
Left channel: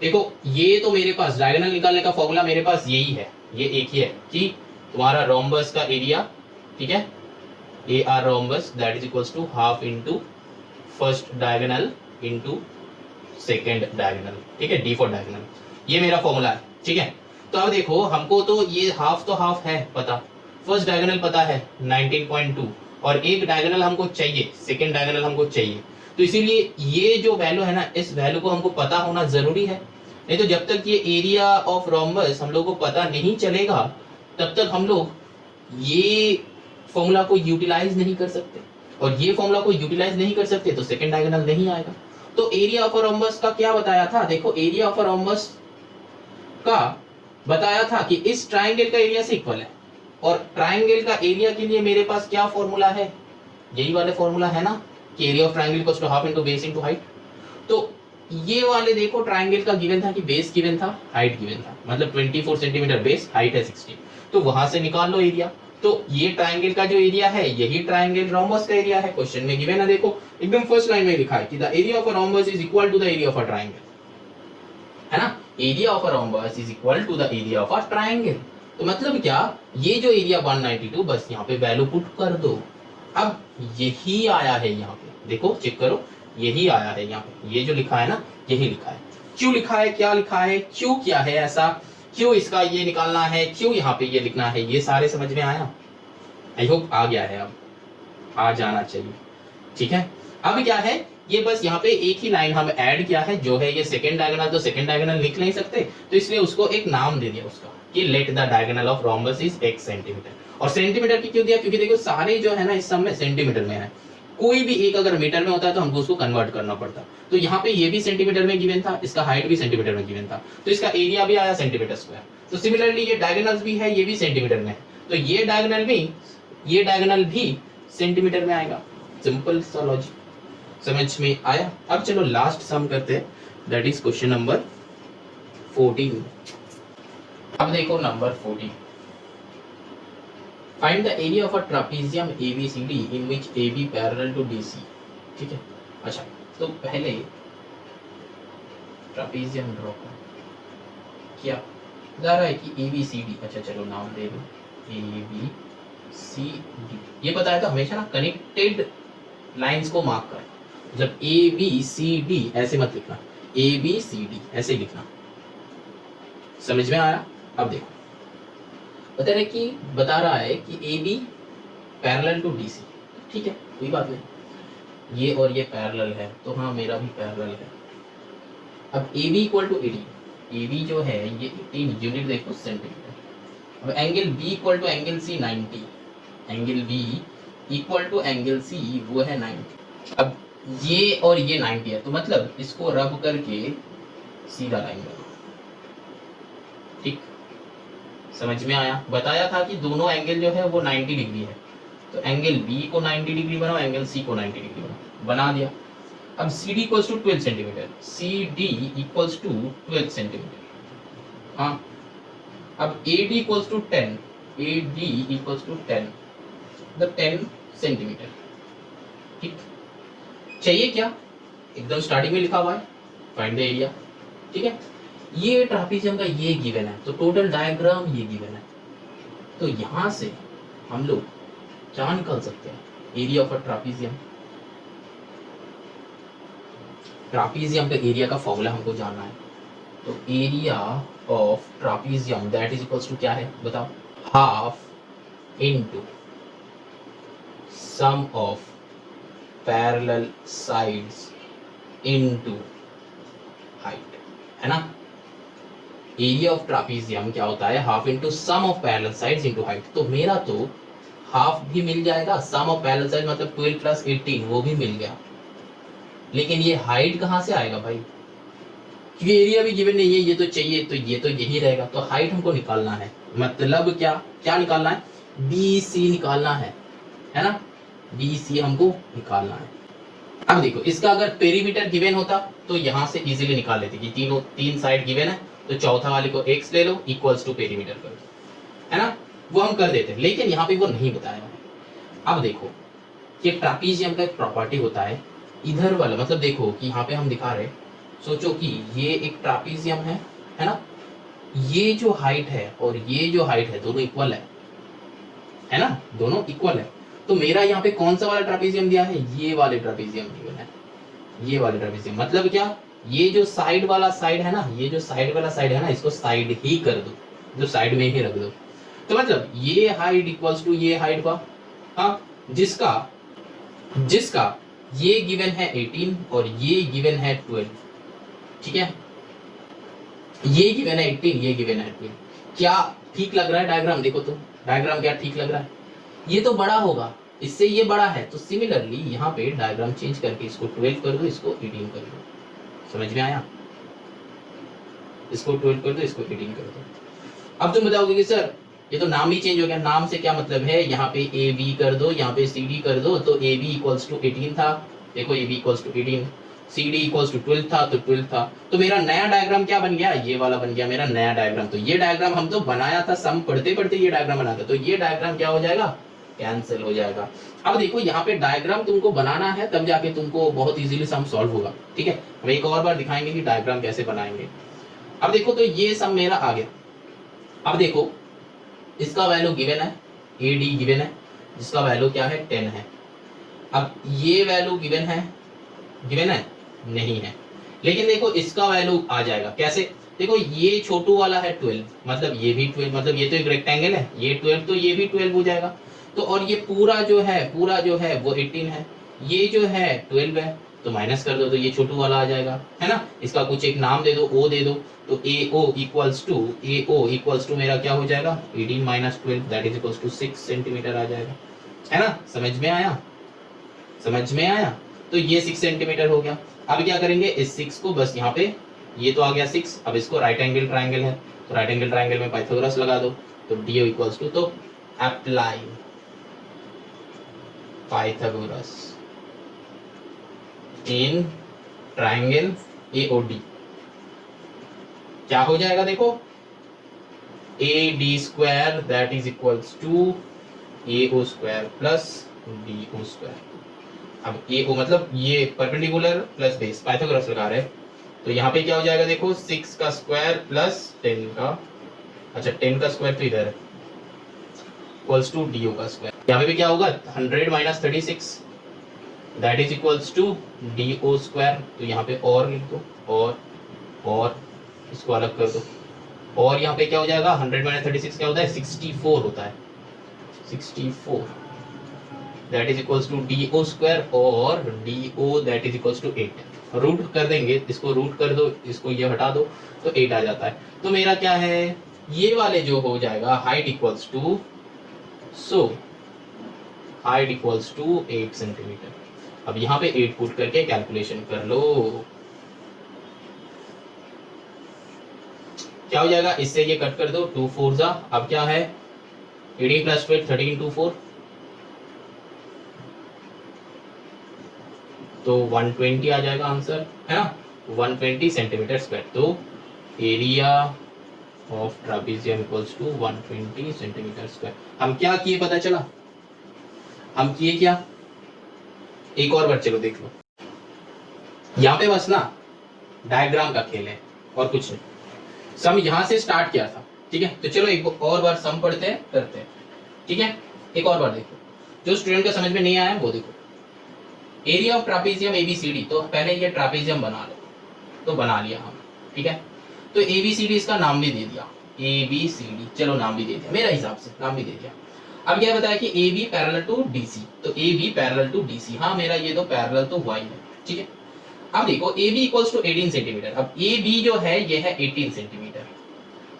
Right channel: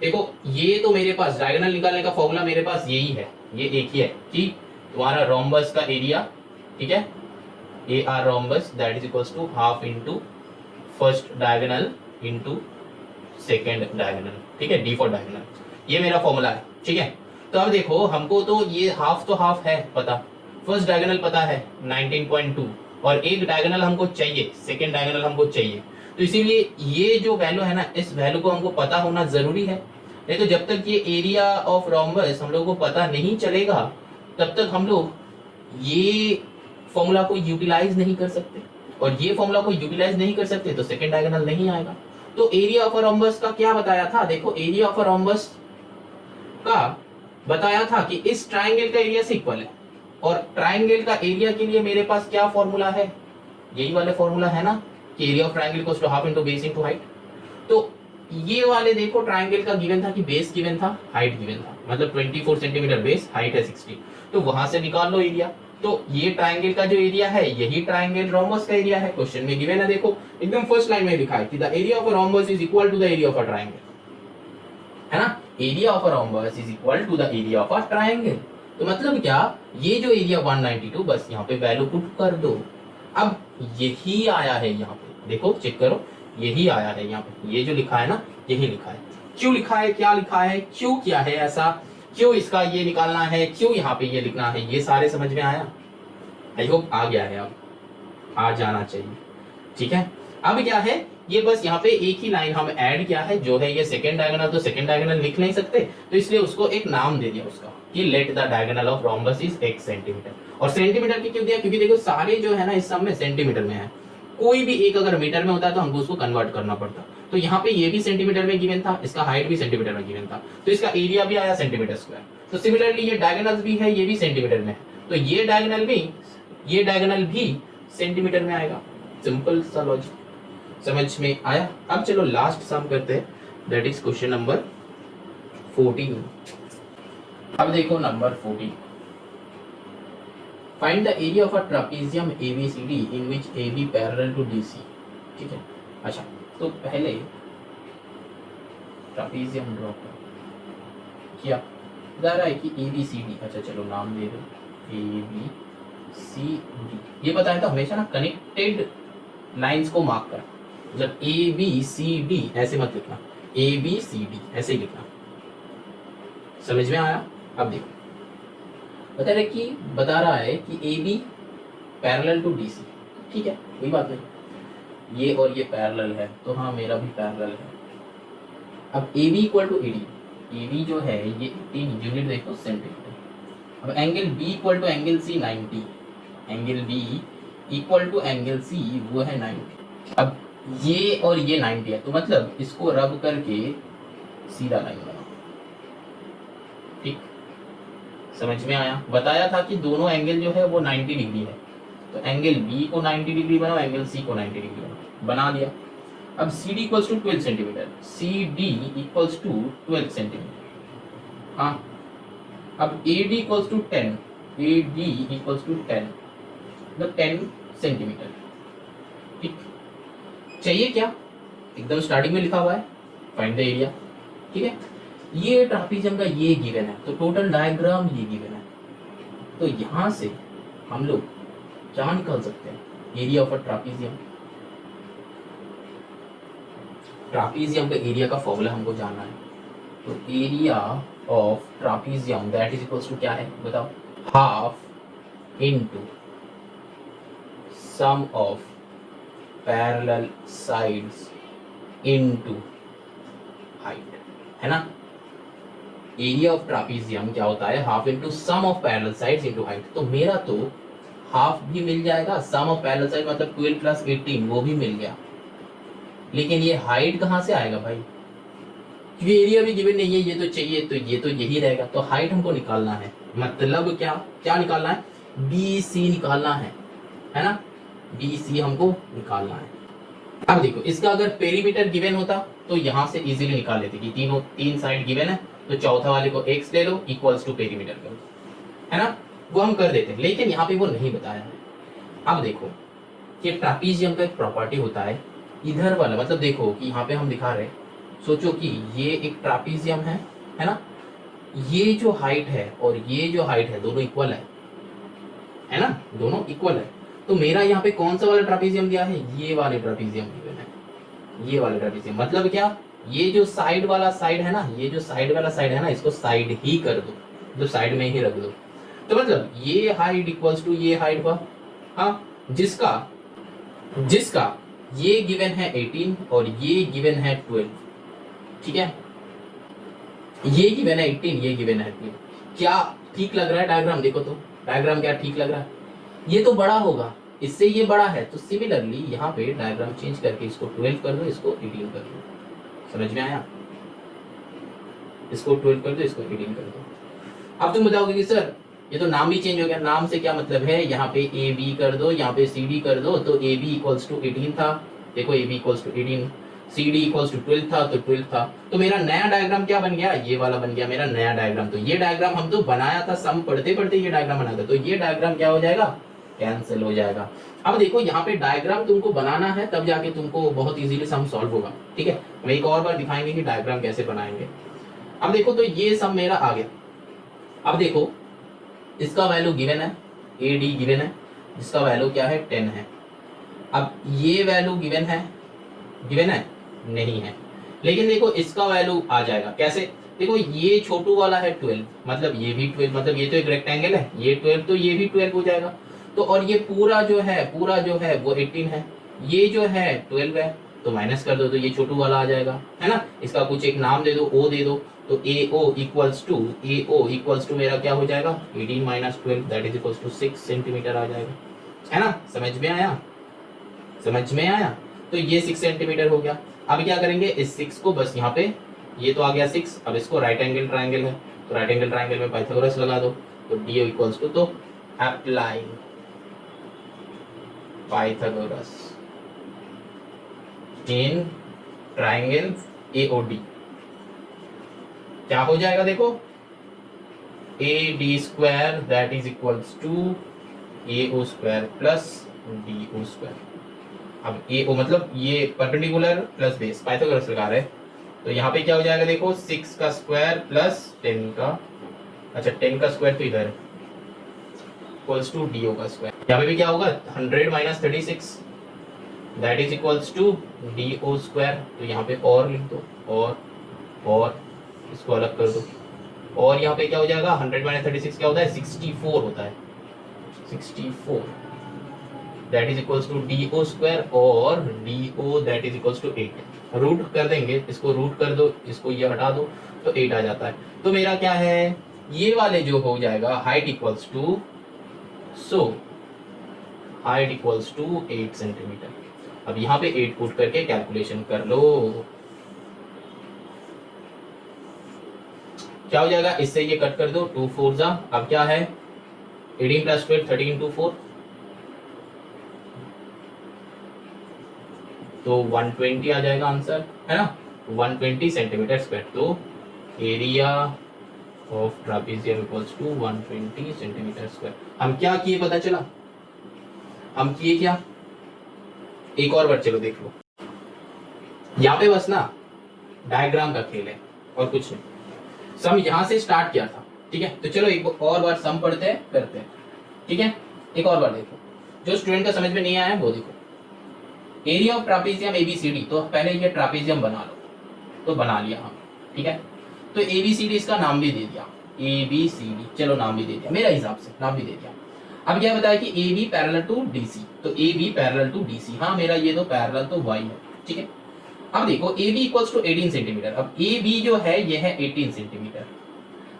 देखो ये तो मेरे पास डायगोनल निकालने का फॉर्मूला मेरे पास यही है, ये एक ही है कि तुम्हारा रोम्बस का एरिया, ठीक है, A R rhombus that is equals to half into first diagonal into second diagonal, ठीक है, डी फॉर डायगोनल, ये मेरा फॉर्मूला है, ठीक है। तो अब देखो हमको तो ये हाफ तो हाफ है पता, फर्स्ट डायगोनल पता है 19.2, और एक डायगोनल हमको चाहिए, सेकंड डायगोनल हमको चाहिए। तो इसीलिए ये जो वैल्यू है ना, इस वैल्यू को हमको पता होना जरूरी है। नहीं तो जब तक ये एरिया ऑफ रोम्बस हम लोग को पता नहीं चलेगा तब तक हम लोग ये फॉर्मूला को यूटिलाइज नहीं कर सकते, और ये फॉर्मूला को यूटिलाइज नहीं कर सकते तो सेकंड डायगोनल नहीं आएगा। तो एरिया ऑफ रोम्बस का क्या बताया था, देखो एरिया ऑफ रोम्बस का बताया था कि इस ट्रायंगल का एरिया से इक्वल है, और ट्रायंगल का एरिया के लिए मेरे पास क्या फॉर्मूला है, यही वाला फॉर्मूला है ना कि area of triangle equals to half into base into height. तो ये वाले देखो ट्रायंगल का गिवन था कि बेस गिवन था, हाइट गिवन था, मतलब 24 सेंटीमीटर बेस, हाइट है 60, तो वहां से निकाल लो एरिया। तो ये ट्रायंगल का जो एरिया है यही ट्रायंगल रोम्बस का एरिया है, क्वेश्चन में गिवन है, देखो एकदम फर्स्ट लाइन में लिखा है कि the area of a rhombus is equal to the area of a triangle, है ना, area of a rhombus is equal to the area of a triangle. तो मतलब क्या, ये जो एरिया 192 बस यहाँ पे वैल्यू पुट कर दो। अब यही आया है यहाँ पे, देखो चेक करो, यही आया है यहाँ पे, ये जो लिखा है ना यही लिखा है। क्यों लिखा है, क्या लिखा है, क्यों किया है ऐसा, क्यों इसका ये निकालना है, क्यों यहाँ पे ये लिखना है, ये सारे समझ में आया। आई होप आ गया है, अब आ जाना चाहिए, ठीक है। अब क्या है, ये बस यहाँ पे एक ही लाइन हम ऐड किया है, जो है ये सेकंड डायगोनल, तो सेकंड डायगोनल लिख नहीं सकते तो इसलिए उसको एक नाम दे दिया उसका कि let the diagonal of rhombus is x centimetre. और सेंटीमीटर की क्यों दिया, क्योंकि देखो सारे जो है ना इस सब में सेंटीमीटर में है, कोई भी एक अगर मीटर में होता है तो हमको उसको कन्वर्ट करना पड़ता। तो यहाँ पे ये भी सेंटीमीटर में गिवन था, इसका हाइट भी सेंटीमीटर में गिवन था, तो इसका एरिया भी आया सेंटीमीटर स्क्वायर। तो सिमिलरली ये डायगोनल्स भी है, ये भी सेंटीमीटर में है, तो ये डायगोनल भी सेंटीमीटर में आएगा। सिंपल सा लॉजिक, समझ में आया। अब चलो लास्ट सम करते हैं, दैट इज क्वेश्चन नंबर 14। अब देखो number 14, find the area of a trapezium ABCD in which AB parallel to DC, ठीक है। अच्छा तो पहले ट्रापेजियम ड्रॉ किया, बता रहा है कि ABCD, अच्छा चलो नाम दे दो ABCD, ये पता है तो हमेशा ना कनेक्टेड लाइंस को मार्क कर, मतलब ABCD ऐसे मत लिखना, ABCD ऐसे ही लिखना, समझ में आया। अब देखो बता रहा है कि AB पैरेलल टू DC, ठीक है, कोई बात नहीं, ये और ये पैरेलल है तो हाँ मेरा भी पैरेलल है। अब AB इक्वल टू 80, AB जो है ये 18 यूनिट देखो सेंटीमीटर। अब angle B equal to angle C 90, angle B equal to angle C वो है 90। अब ये और ये 90 है, तो मतलब इसको रब करके सीधा लाइन बनाओ। ठीक, समझ में आया? बताया था कि दोनों एंगल जो है वो 90 डिग्री है, तो एंगल बी को 90 डिग्री बनाओ, एंगल सी को 90 डिग्री बनाओ, बना दिया। अब C D equals to 12 centimetre, C D equals to 12 centimetre. हाँ, अब A D equals to 10, A D equals to 10, मतलब 10 सेंटीमीटर। ठीक, चाहिए क्या? एकदम स्टार्टिंग में लिखा हुआ है, फाइंड द एरिया। ठीक है, ये ट्रापीजियम का ये गिवन है, तो टोटल डायग्राम ये गिवन है। तो यहां से हम लोग क्या निकाल सकते हैं? एरिया ऑफ अ ट्रापीजियम। ट्रापीजियम का एरिया का फॉर्मूला हमको जानना है। तो area of trapezium that is equals to क्या है बताओ? Half into sum of parallel sides into height, है ना? एरिया ऑफ ट्रापीजियम क्या होता है? Half into sum of parallel sides into height. तो मेरा तो हाफ भी मिल जाएगा, सम ऑफ पैरेलल साइड मतलब 12 प्लस 18 वो भी मिल गया, लेकिन ये हाइट कहाँ से आएगा भाई? क्योंकि एरिया भी गिवन नहीं है, ये तो चाहिए, तो ये तो यही रहेगा। तो हाइट हमको निकालना है, मतलब क्या क्या निकालना है? बी सी निकालना है ना? बी सी हमको निकालना है। अब देखो, इसका अगर पेरीमीटर गिवन होता तो यहां से इजीली निकाल लेते कि तीन साइड गिवन है, तो चौथा वाले को x ले लो इक्वल्स टू पेरीमीटर करो, है ना? वो हम कर देते, लेकिन यहाँ पे वो नहीं बताया है। अब देखो कि ट्रापीजियम का एक प्रॉपर्टी होता है, इधर वाला मतलब देखो कि यहाँ पे हम दिखा रहे, सोचो कि ये एक ट्रापीजियम है ना? ये जो हाइट है और ये जो हाइट है दोनों इक्वल है ना? दोनों इक्वल है। तो मेरा यहाँ पे कौन सा वाला ट्रापीजियम दिया है? ये वाले ट्रापीजियम दिए है, ये वाले ट्रापीजियम। मतलब क्या? ये जो साइड वाला साइड है ना, ये जो साइड वाला साइड है ना, इसको साइड ही कर दो, जो साइड में ही रख दो। तो मतलब ये हाइट इक्वल्स टू ये हाइट का, हाँ, जिसका ये गिवन है 18 और ये गिवन है 12। ठीक है, ये गिवन है 18, ये गिवन है 12। क्या ठीक लग रहा है डायग्राम? देखो तो डायग्राम क्या ठीक लग रहा है? ये तो बड़ा होगा, इससे ये बड़ा है, तो सिमिलरली यहाँ पे डायग्राम चेंज करके इसको 12 कर दो, इसको 18 कर दो। समझ में आया? इसको 12 कर दो, इसको 18 कर दो। अब तुम बताओगे कि सर ये तो नाम ही चेंज हो गया, नाम से क्या मतलब है? यहाँ पे ए बी कर दो, यहाँ पे सी डी कर दो, तो ए बी इक्वल्स टू 18 था, देखो A B equals to 18, C D equals to 12 था, तो 12 था। तो मेरा नया डायग्राम क्या बन गया? ये वाला बन गया मेरा नया डायग्राम। तो ये डायग्राम हम तो बनाया था, सम पढ़ते पढ़ते ये डायग्राम बना था, तो ये डायग्राम क्या हो जाएगा? कैंसिल हो जाएगा। अब देखो यहाँ पे डायग्राम तुमको बनाना है, तब जाके तुमको बहुत इजीली सम सॉल्व होगा। ठीक है, हम एक और बार दिखाएंगे कि डायग्राम कैसे बनाएंगे। अब देखो, तो ये सम मेरा आ गया। अब देखो, इसका वैल्यू गिवन है, ए डी गिवन है, इसका वैल्यू क्या है? 10 है। अब ये वैल्यू गिवन है नहीं है, लेकिन देखो इसका वैल्यू आ जाएगा कैसे? देखो ये छोटू वाला है 12, मतलब ये भी 12, मतलब ये तो एक रेक्टेंगल है, ये 12 तो ये भी 12 हो जाएगा। तो और ये पूरा जो है वो 18 है, ये जो है 12 है, तो माइनस कर दो तो ये छोटू वाला आ जाएगा, है ना? इसका कुछ एक नाम दे दो, ओ दे दो, तो ए ओ इक्वल्स टू मेरा क्या हो जाएगा? 18 minus 12 that is equals to 6 centimetre आ जाएगा, है ना? समझ में आया? तो ये 6 सेंटीमीटर हो गया। अब क्या करेंगे? इस 6 को बस यहाँ पे, ये तो आ गया 6, अब इसको राइट एंगल ट्राइंगल है, तो राइट एंगल ट्राइंगल में पाइथागोरस लगा दो, तो डी इक्वल्स टू, तो apply Pythagoras in triangle AOD. क्या हो जाएगा? देखो A D square that is equals to A O square plus D O square. अब ए ओ मतलब ये परपेंडिकुलर प्लस बेस, पाइथागोरस लगा रहे हैं, तो यहाँ पे क्या हो जाएगा? देखो 6 का स्क्वायर प्लस 10 का, अच्छा 10 का स्क्वायर तो इधर है, इक्वल्स टू डी ओ का स्क्वायर। यहाँ पे भी क्या होगा? 100 minus 36 that is equals to D O square. तो यहाँ पे और लिख दो, और इसको अलग कर दो, और यहाँ पे क्या हो जाएगा? 100 माइनस 36 क्या होता है? 64 होता है, 64 that is equals to D O square, और D O that is equals to 8। Root कर देंगे, इसको रूट कर दो, इसको ये हटा दो, तो 8 आ जाता है। तो मेरा क्या है? ये वाले जो हो जाएगा height equals to, so height equals to 8 centimetre. अब यहाँ पे 8 पुट करके कैलकुलेशन कर लो, क्या हो जाएगा, इससे ये कट कर दो, 2 4 जा, अब क्या है 18 प्लस 12 13 2 4, तो 120 आ जाएगा आंसर, है ना, 120 सेंटीमीटर स्क्वायर। तो area of trapezium equals to 120 centimetre square. हम क्या किए पता चला, हम किए क्या, एक और बार चलो देख लो, यहाँ पे बस ना डायग्राम का खेल है और कुछ नहीं। सम यहां से स्टार्ट किया था, ठीक है, तो चलो एक और बार सम पढ़ते हैं, करते हैं, ठीक है। एक और बार देखो, जो स्टूडेंट का समझ में नहीं आया वो देखो, एरिया ऑफ ट्रापेजियम एबीसीडी, तो पहले ये ट्रापेजियम बना लो, तो बना लिया हम, ठीक है। तो एबीसीडी इसका नाम भी दे दिया, एबीसीडी, चलो नाम भी दे दिया, मेरा हिसाब से नाम भी दे दिया। अब क्या बताया कि A B parallel to DC, तो A B parallel to DC, हाँ मेरा ये तो पैरेलल तो वाई है, ठीक है। अब देखो A B equals to 18 centimetre, अब ए बी जो है ये है 18 सेंटीमीटर।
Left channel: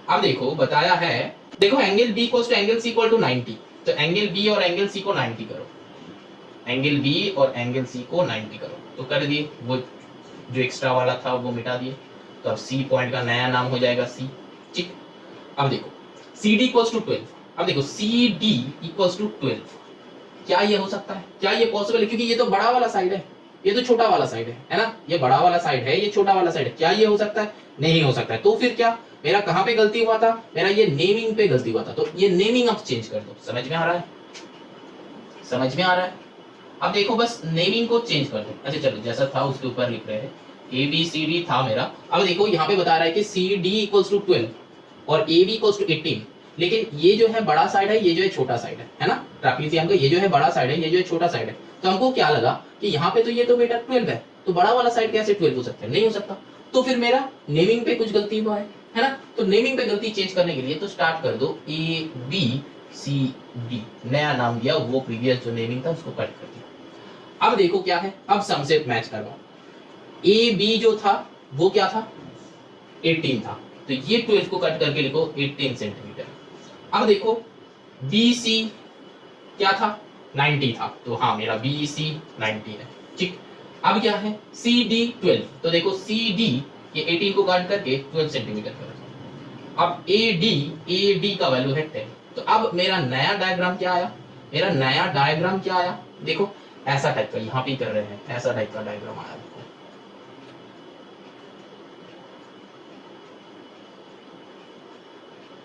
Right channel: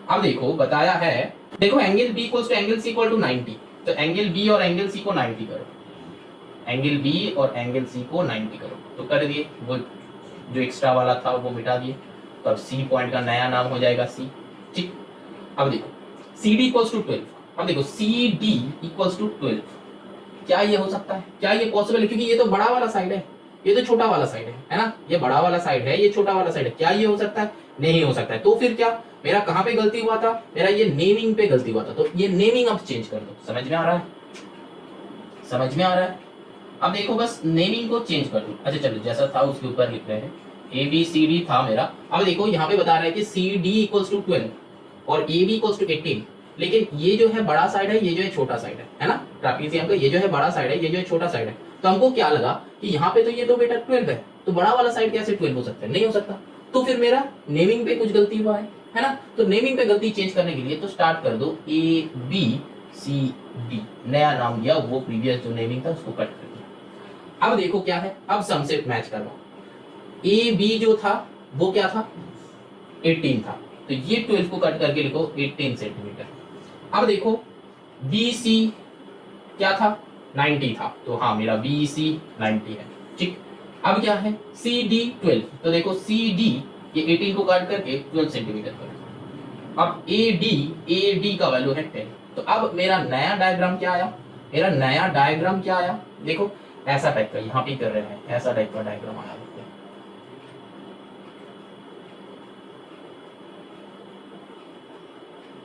अब देखो बताया है, देखो angle B equals to angle C equal to 90, तो एंगल बी और एंगल सी को 90 करो, एंगल बी और एंगल सी को 90 करो, तो कर दिए, वो जो एक्स्ट्रा वाला था वो मिटा दिए, तो अब सी पॉइंट का नया नाम हो जाएगा सी, ठीक। अब देखो सी डी इक्वल्स टू 12, अब देखो सी डी इक्वल्स टू 12, क्या ये हो सकता है, क्या ये पॉसिबल है, क्योंकि ये तो बड़ा वाला साइड है, ये तो छोटा वाला साइड है ना, ये बड़ा वाला साइड है, ये छोटा वाला साइड है, क्या ये हो सकता है, नहीं हो सकता है। तो फिर क्या, मेरा कहां पे गलती हुआ था, मेरा ये नेमिंग पे गलती हुआ था, तो ये नेमिंग अब चेंज कर दो, समझ में आ रहा है, समझ में आ रहा है। अब देखो बस नेमिंग को चेंज कर दो, अच्छा चलो जैसा था उसके ऊपर लिख रहे हैं, ए बी सी डी था मेरा, अब देखो यहाँ पे बता रहा है कि सी डी इक्वल्स टू 12 और ए बी इक्वल्स टू 18, लेकिन ये जो है बड़ा साइड है, ये जो है छोटा साइड है ना, ट्रापेजियम का ये जो है बड़ा साइड है, ये जो है छोटा साइड है, तो हमको क्या लगा कि यहाँ पे तो ये तो बेटा 12 है, तो बड़ा वाला साइड कैसे 12 हो सकता है, नहीं हो सकता, तो फिर मेरा नेमिंग पे कुछ गलती हुआ है ना, तो नेमिंग पे गलती चेंज करने के लिए तो स्टार्ट कर दो ए बी सी डी, नया नाम दिया, वो प्रीवियस जो नेमिंग था उसको कट कर दिया। अब देखो क्या है, अब सम से मैच करवाओ, ए बी जो था वो क्या था 18 था, तो ये 12 को कट करके लिखो 18 सेंटीमीटर। अब देखो बी सी क्या था 90 था, तो हाँ मेरा बी सी 90 है, ठीक। अब क्या है सी डी 12, तो देखो सी डी ये 18 को कट करके 12 सेंटीमीटर पर रखा। अब ए डी का वैल्यू है 10, तो अब मेरा नया डायग्राम क्या आया, मेरा नया डायग्राम क्या आया, देखो ऐसा टाइप का, यहाँ पे कर रहे हैं ऐसा टाइप का डायग्राम आया,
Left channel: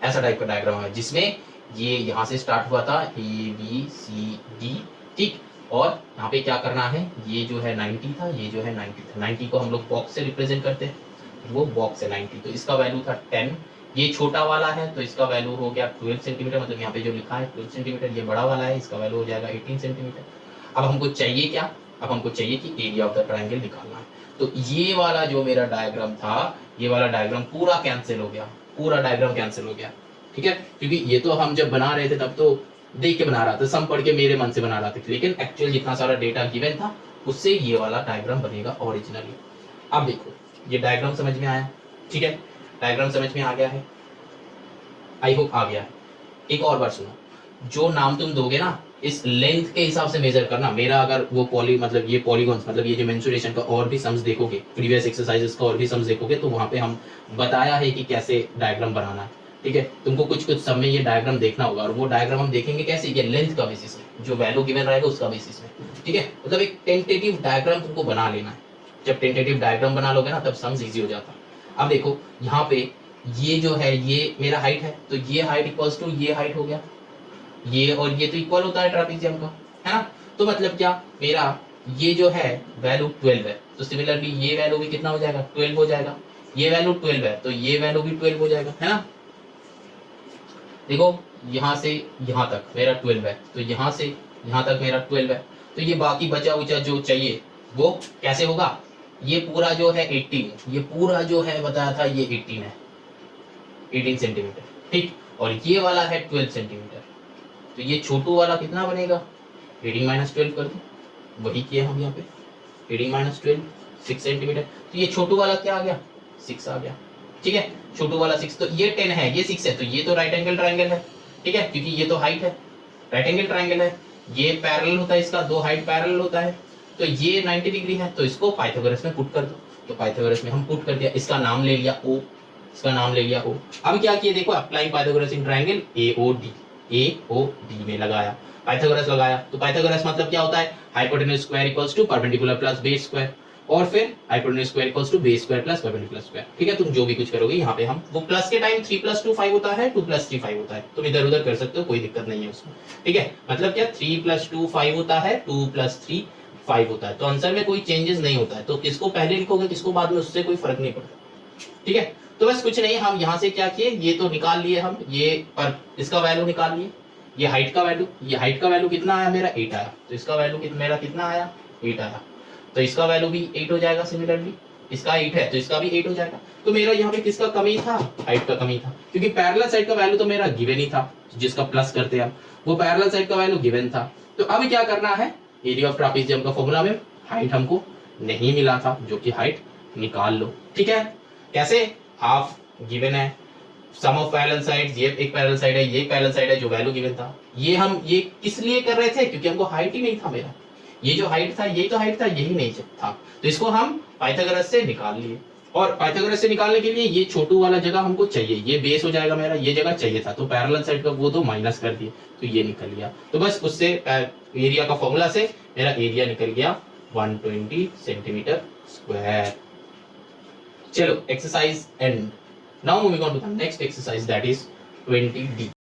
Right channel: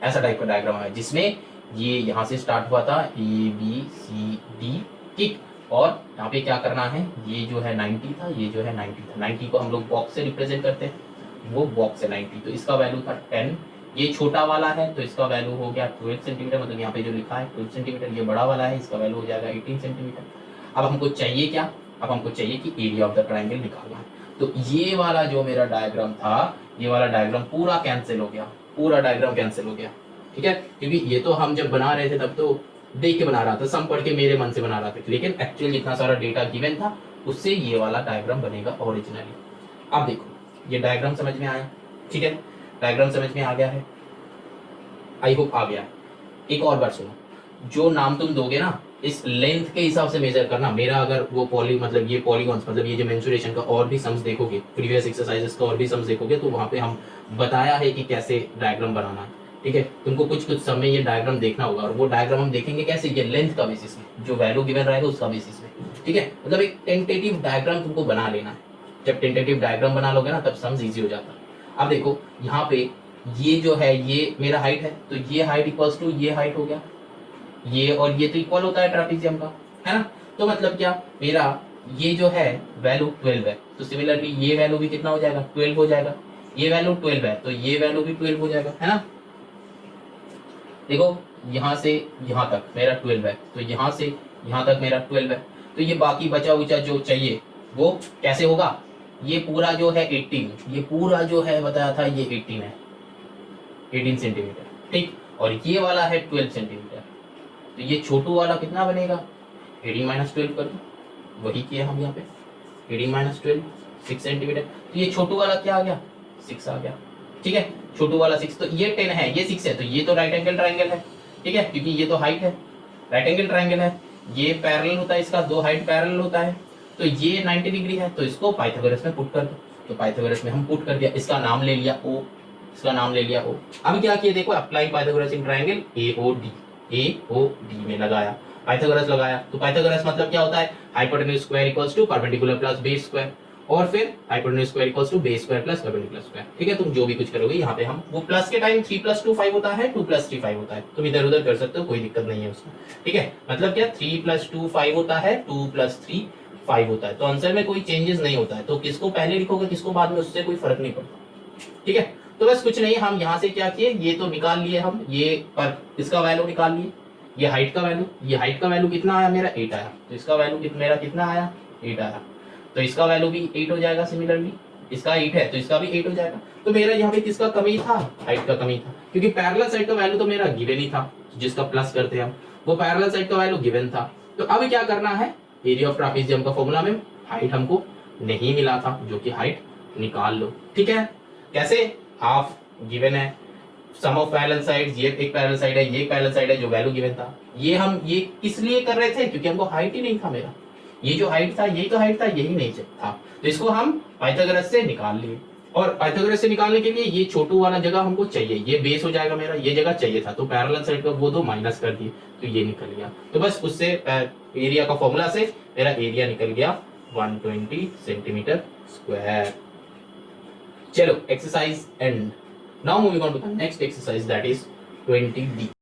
ऐसा टाइप का डायग्राम है जिसमें ये यहाँ से स्टार्ट हुआ था ए बी सी डी, ठीक, और यहाँ पे क्या करना है, ये जो है 90 था, ये जो है 90 था, 90 को हम लोग बॉक्स से रिप्रेजेंट करते हैं, वो बॉक्स है 90, तो इसका वैल्यू था 10, ये छोटा वाला है तो इसका वैल्यू हो गया 12 सेंटीमीटर, मतलब यहाँ पे जो लिखा है 12 सेंटीमीटर, ये बड़ा वाला है इसका वैल्यू हो जाएगा 18 सेंटीमीटर। अब हमको चाहिए क्या, अब हमको चाहिए कि एरिया ऑफ द ट्राइंगल निकालना है, तो ये वाला जो मेरा डायग्राम था, ये वाला डायग्राम पूरा कैंसिल हो गया, पूरा डायग्राम कैंसिल हो गया, ठीक है, क्योंकि ये तो हम जब बना रहे थे तब तो देख के बना रहा था, सम पढ़ के मेरे मन से बना रहा था, लेकिन एक्चुअल जितना सारा डेटा गिवन था उससे ये वाला डायग्राम बनेगा ओरिजिनली। अब देखो ये डायग्राम समझ में आया, ठीक है, डायग्राम समझ में आ गया है, आई होप आ गया है। एक और बार सुनो, जो नाम तुम दोगे ना इस लेंथ के हिसाब से मेजर करना, मेरा अगर वो पॉली मतलब ये पॉलीगॉन्स मतलब ये जो मेंसुरेशन का और भी सम्स देखोगे, प्रीवियस एक्सरसाइजेस का और भी सम्स देखोगे, तो वहां पे हम बताया है कि कैसे डायग्राम बनाना है, ठीक है, तुमको कुछ कुछ समय ये डायग्राम देखना होगा, और वो डायग्राम हम देखेंगे कैसे, ये लेंथ का बेसिस में, जो वैल्यू गिवन रहेगा उसका बेसिस में, ठीक है, मतलब एक टेंटेटिव डायग्राम तुमको बना लेना है, जब टेंटेटिव डायग्राम बना लोगे ना तब सम्स इजी हो जाता है। अब देखो यहाँ पे ये जो है ये मेरा हाइट है, तो ये हाइट इक्वल्स टू ये हाइट हो गया, ये और ये तो इक्वल होता है ट्रापेजियम का, है ना, तो मतलब क्या मेरा ये जो है वैल्यू 12 है, तो सिमिलरली ये वैल्यू भी कितना हो जाएगा 12 हो जाएगा, ये वैल्यू 12 है तो ये वैल्यू भी 12 हो जाएगा, है ना। देखो यहाँ से यहाँ तक मेरा 12 है, तो यहाँ से यहाँ तक मेरा 12 है, तो ये बाकी बचा उचा जो चाहिए वो कैसे होगा, ये पूरा जो है 18, ये पूरा जो है बताया था ये 18 है, 18 सेंटीमीटर, ठीक, और ये वाला है 12 सेंटीमीटर, तो ये छोटू वाला कितना बनेगा 18 माइनस 12 कर दो, वही किया हम यहाँ पे 18 माइनस 12 6 सेंटीमीटर, तो ये छोटू वाला क्या आ गया 6 आ गया, ठीक है, छोटू वाला 6, तो ये 10 है ये 6 है, तो ये तो राइट एंगल ट्राइंगल है, ठीक है, क्योंकि ये तो हाइट है, राइट एंगल ट्राइंगल है, ये पैरेलल होता है इसका, दो हाइट पैरेलल होता है, तो ये 90 डिग्री है, तो इसको पाइथागोरस में पुट कर दो। तो पाइथागोरस में हम पुट कर दिया, इसका नाम ले लिया O, इसका नाम ले लिया O। अब क्या किया देखो, applying Pythagoras in triangle AOD में लगाया, पाइथागोरस लगाया। तो पाइथागोरस मतलब क्या होता है, hypotenuse square equals to perpendicular plus base square, और फिर hypotenuse square equals to base square plus perpendicular square. ठीक है, तुम जो भी कुछ करोगे यहाँ पे हम, वो प्लस के टाइम 3 + 2 5 होता है, 2 + 3 5 होता है, तुम इधर उधर कर सकते हो, कोई दिक्कत नहीं है उसमें। ठीक है, मतलब क्या 3 + 2 5 होता है, 2 + 3 5 होता है। तो आंसर में कोई चेंजेस नहीं होता है, तो किसको पहले लिखोगे किसको बाद में, उससे कोई फर्क नहीं पड़ता। ठीक है, तो बस कुछ नहीं, हम यहाँ से क्या किए, ये तो निकाल लिए हम, ये पर इसका वैल्यू निकाल लिए, ये हाइट का वैल्यू, ये हाइट का वैल्यू कितना आया मेरा 8 आया, तो इसका वैल्यू मेरा कितना आया 8 आया, तो इसका वैल्यू भी 8 हो जाएगा। सिमिलरली इसका 8 है तो इसका भी 8 हो जाएगा। तो मेरा यहाँ पे किसका कमी था, हाइट का कमी था, क्योंकि पैरेलल साइड का वैल्यू तो मेरा गिवन ही था, जिसका प्लस करते हम, वो पैरेलल साइड का वैल्यू गिवन था। तो अब क्या करना है, एरिया ऑफ ट्रापेजियम का फॉर्मूला में हाइट हमको नहीं मिला था, जो कि हाइट निकाल लो। ठीक है, कैसे, हाफ गिवन है, सम ऑफ पैरेलल साइड्स, ये एक पैरेलल साइड है, ये पैरेलल साइड है, जो वैल्यू गिवन था। ये हम ये किस लिए कर रहे थे, क्योंकि हमको हाइट ही नहीं था मेरा, ये जो हाइट था यही तो हाइट था, यही नहीं था, तो इसको हम पाइथागोरस से निकाल लिए। और पाइथागोरस से निकालने के लिए ये छोटू वाला जगह हमको चाहिए, ये बेस हो जाएगा मेरा, ये जगह चाहिए था, तो पैरेलल साइड का वो दो माइनस कर दिए, तो ये निकल गया। तो बस उससे एरिया का फॉर्मूला से मेरा एरिया निकल गया 120 सेंटीमीटर स्क्वायर। चलो exercise end. Now moving on to the next exercise, that is 20D।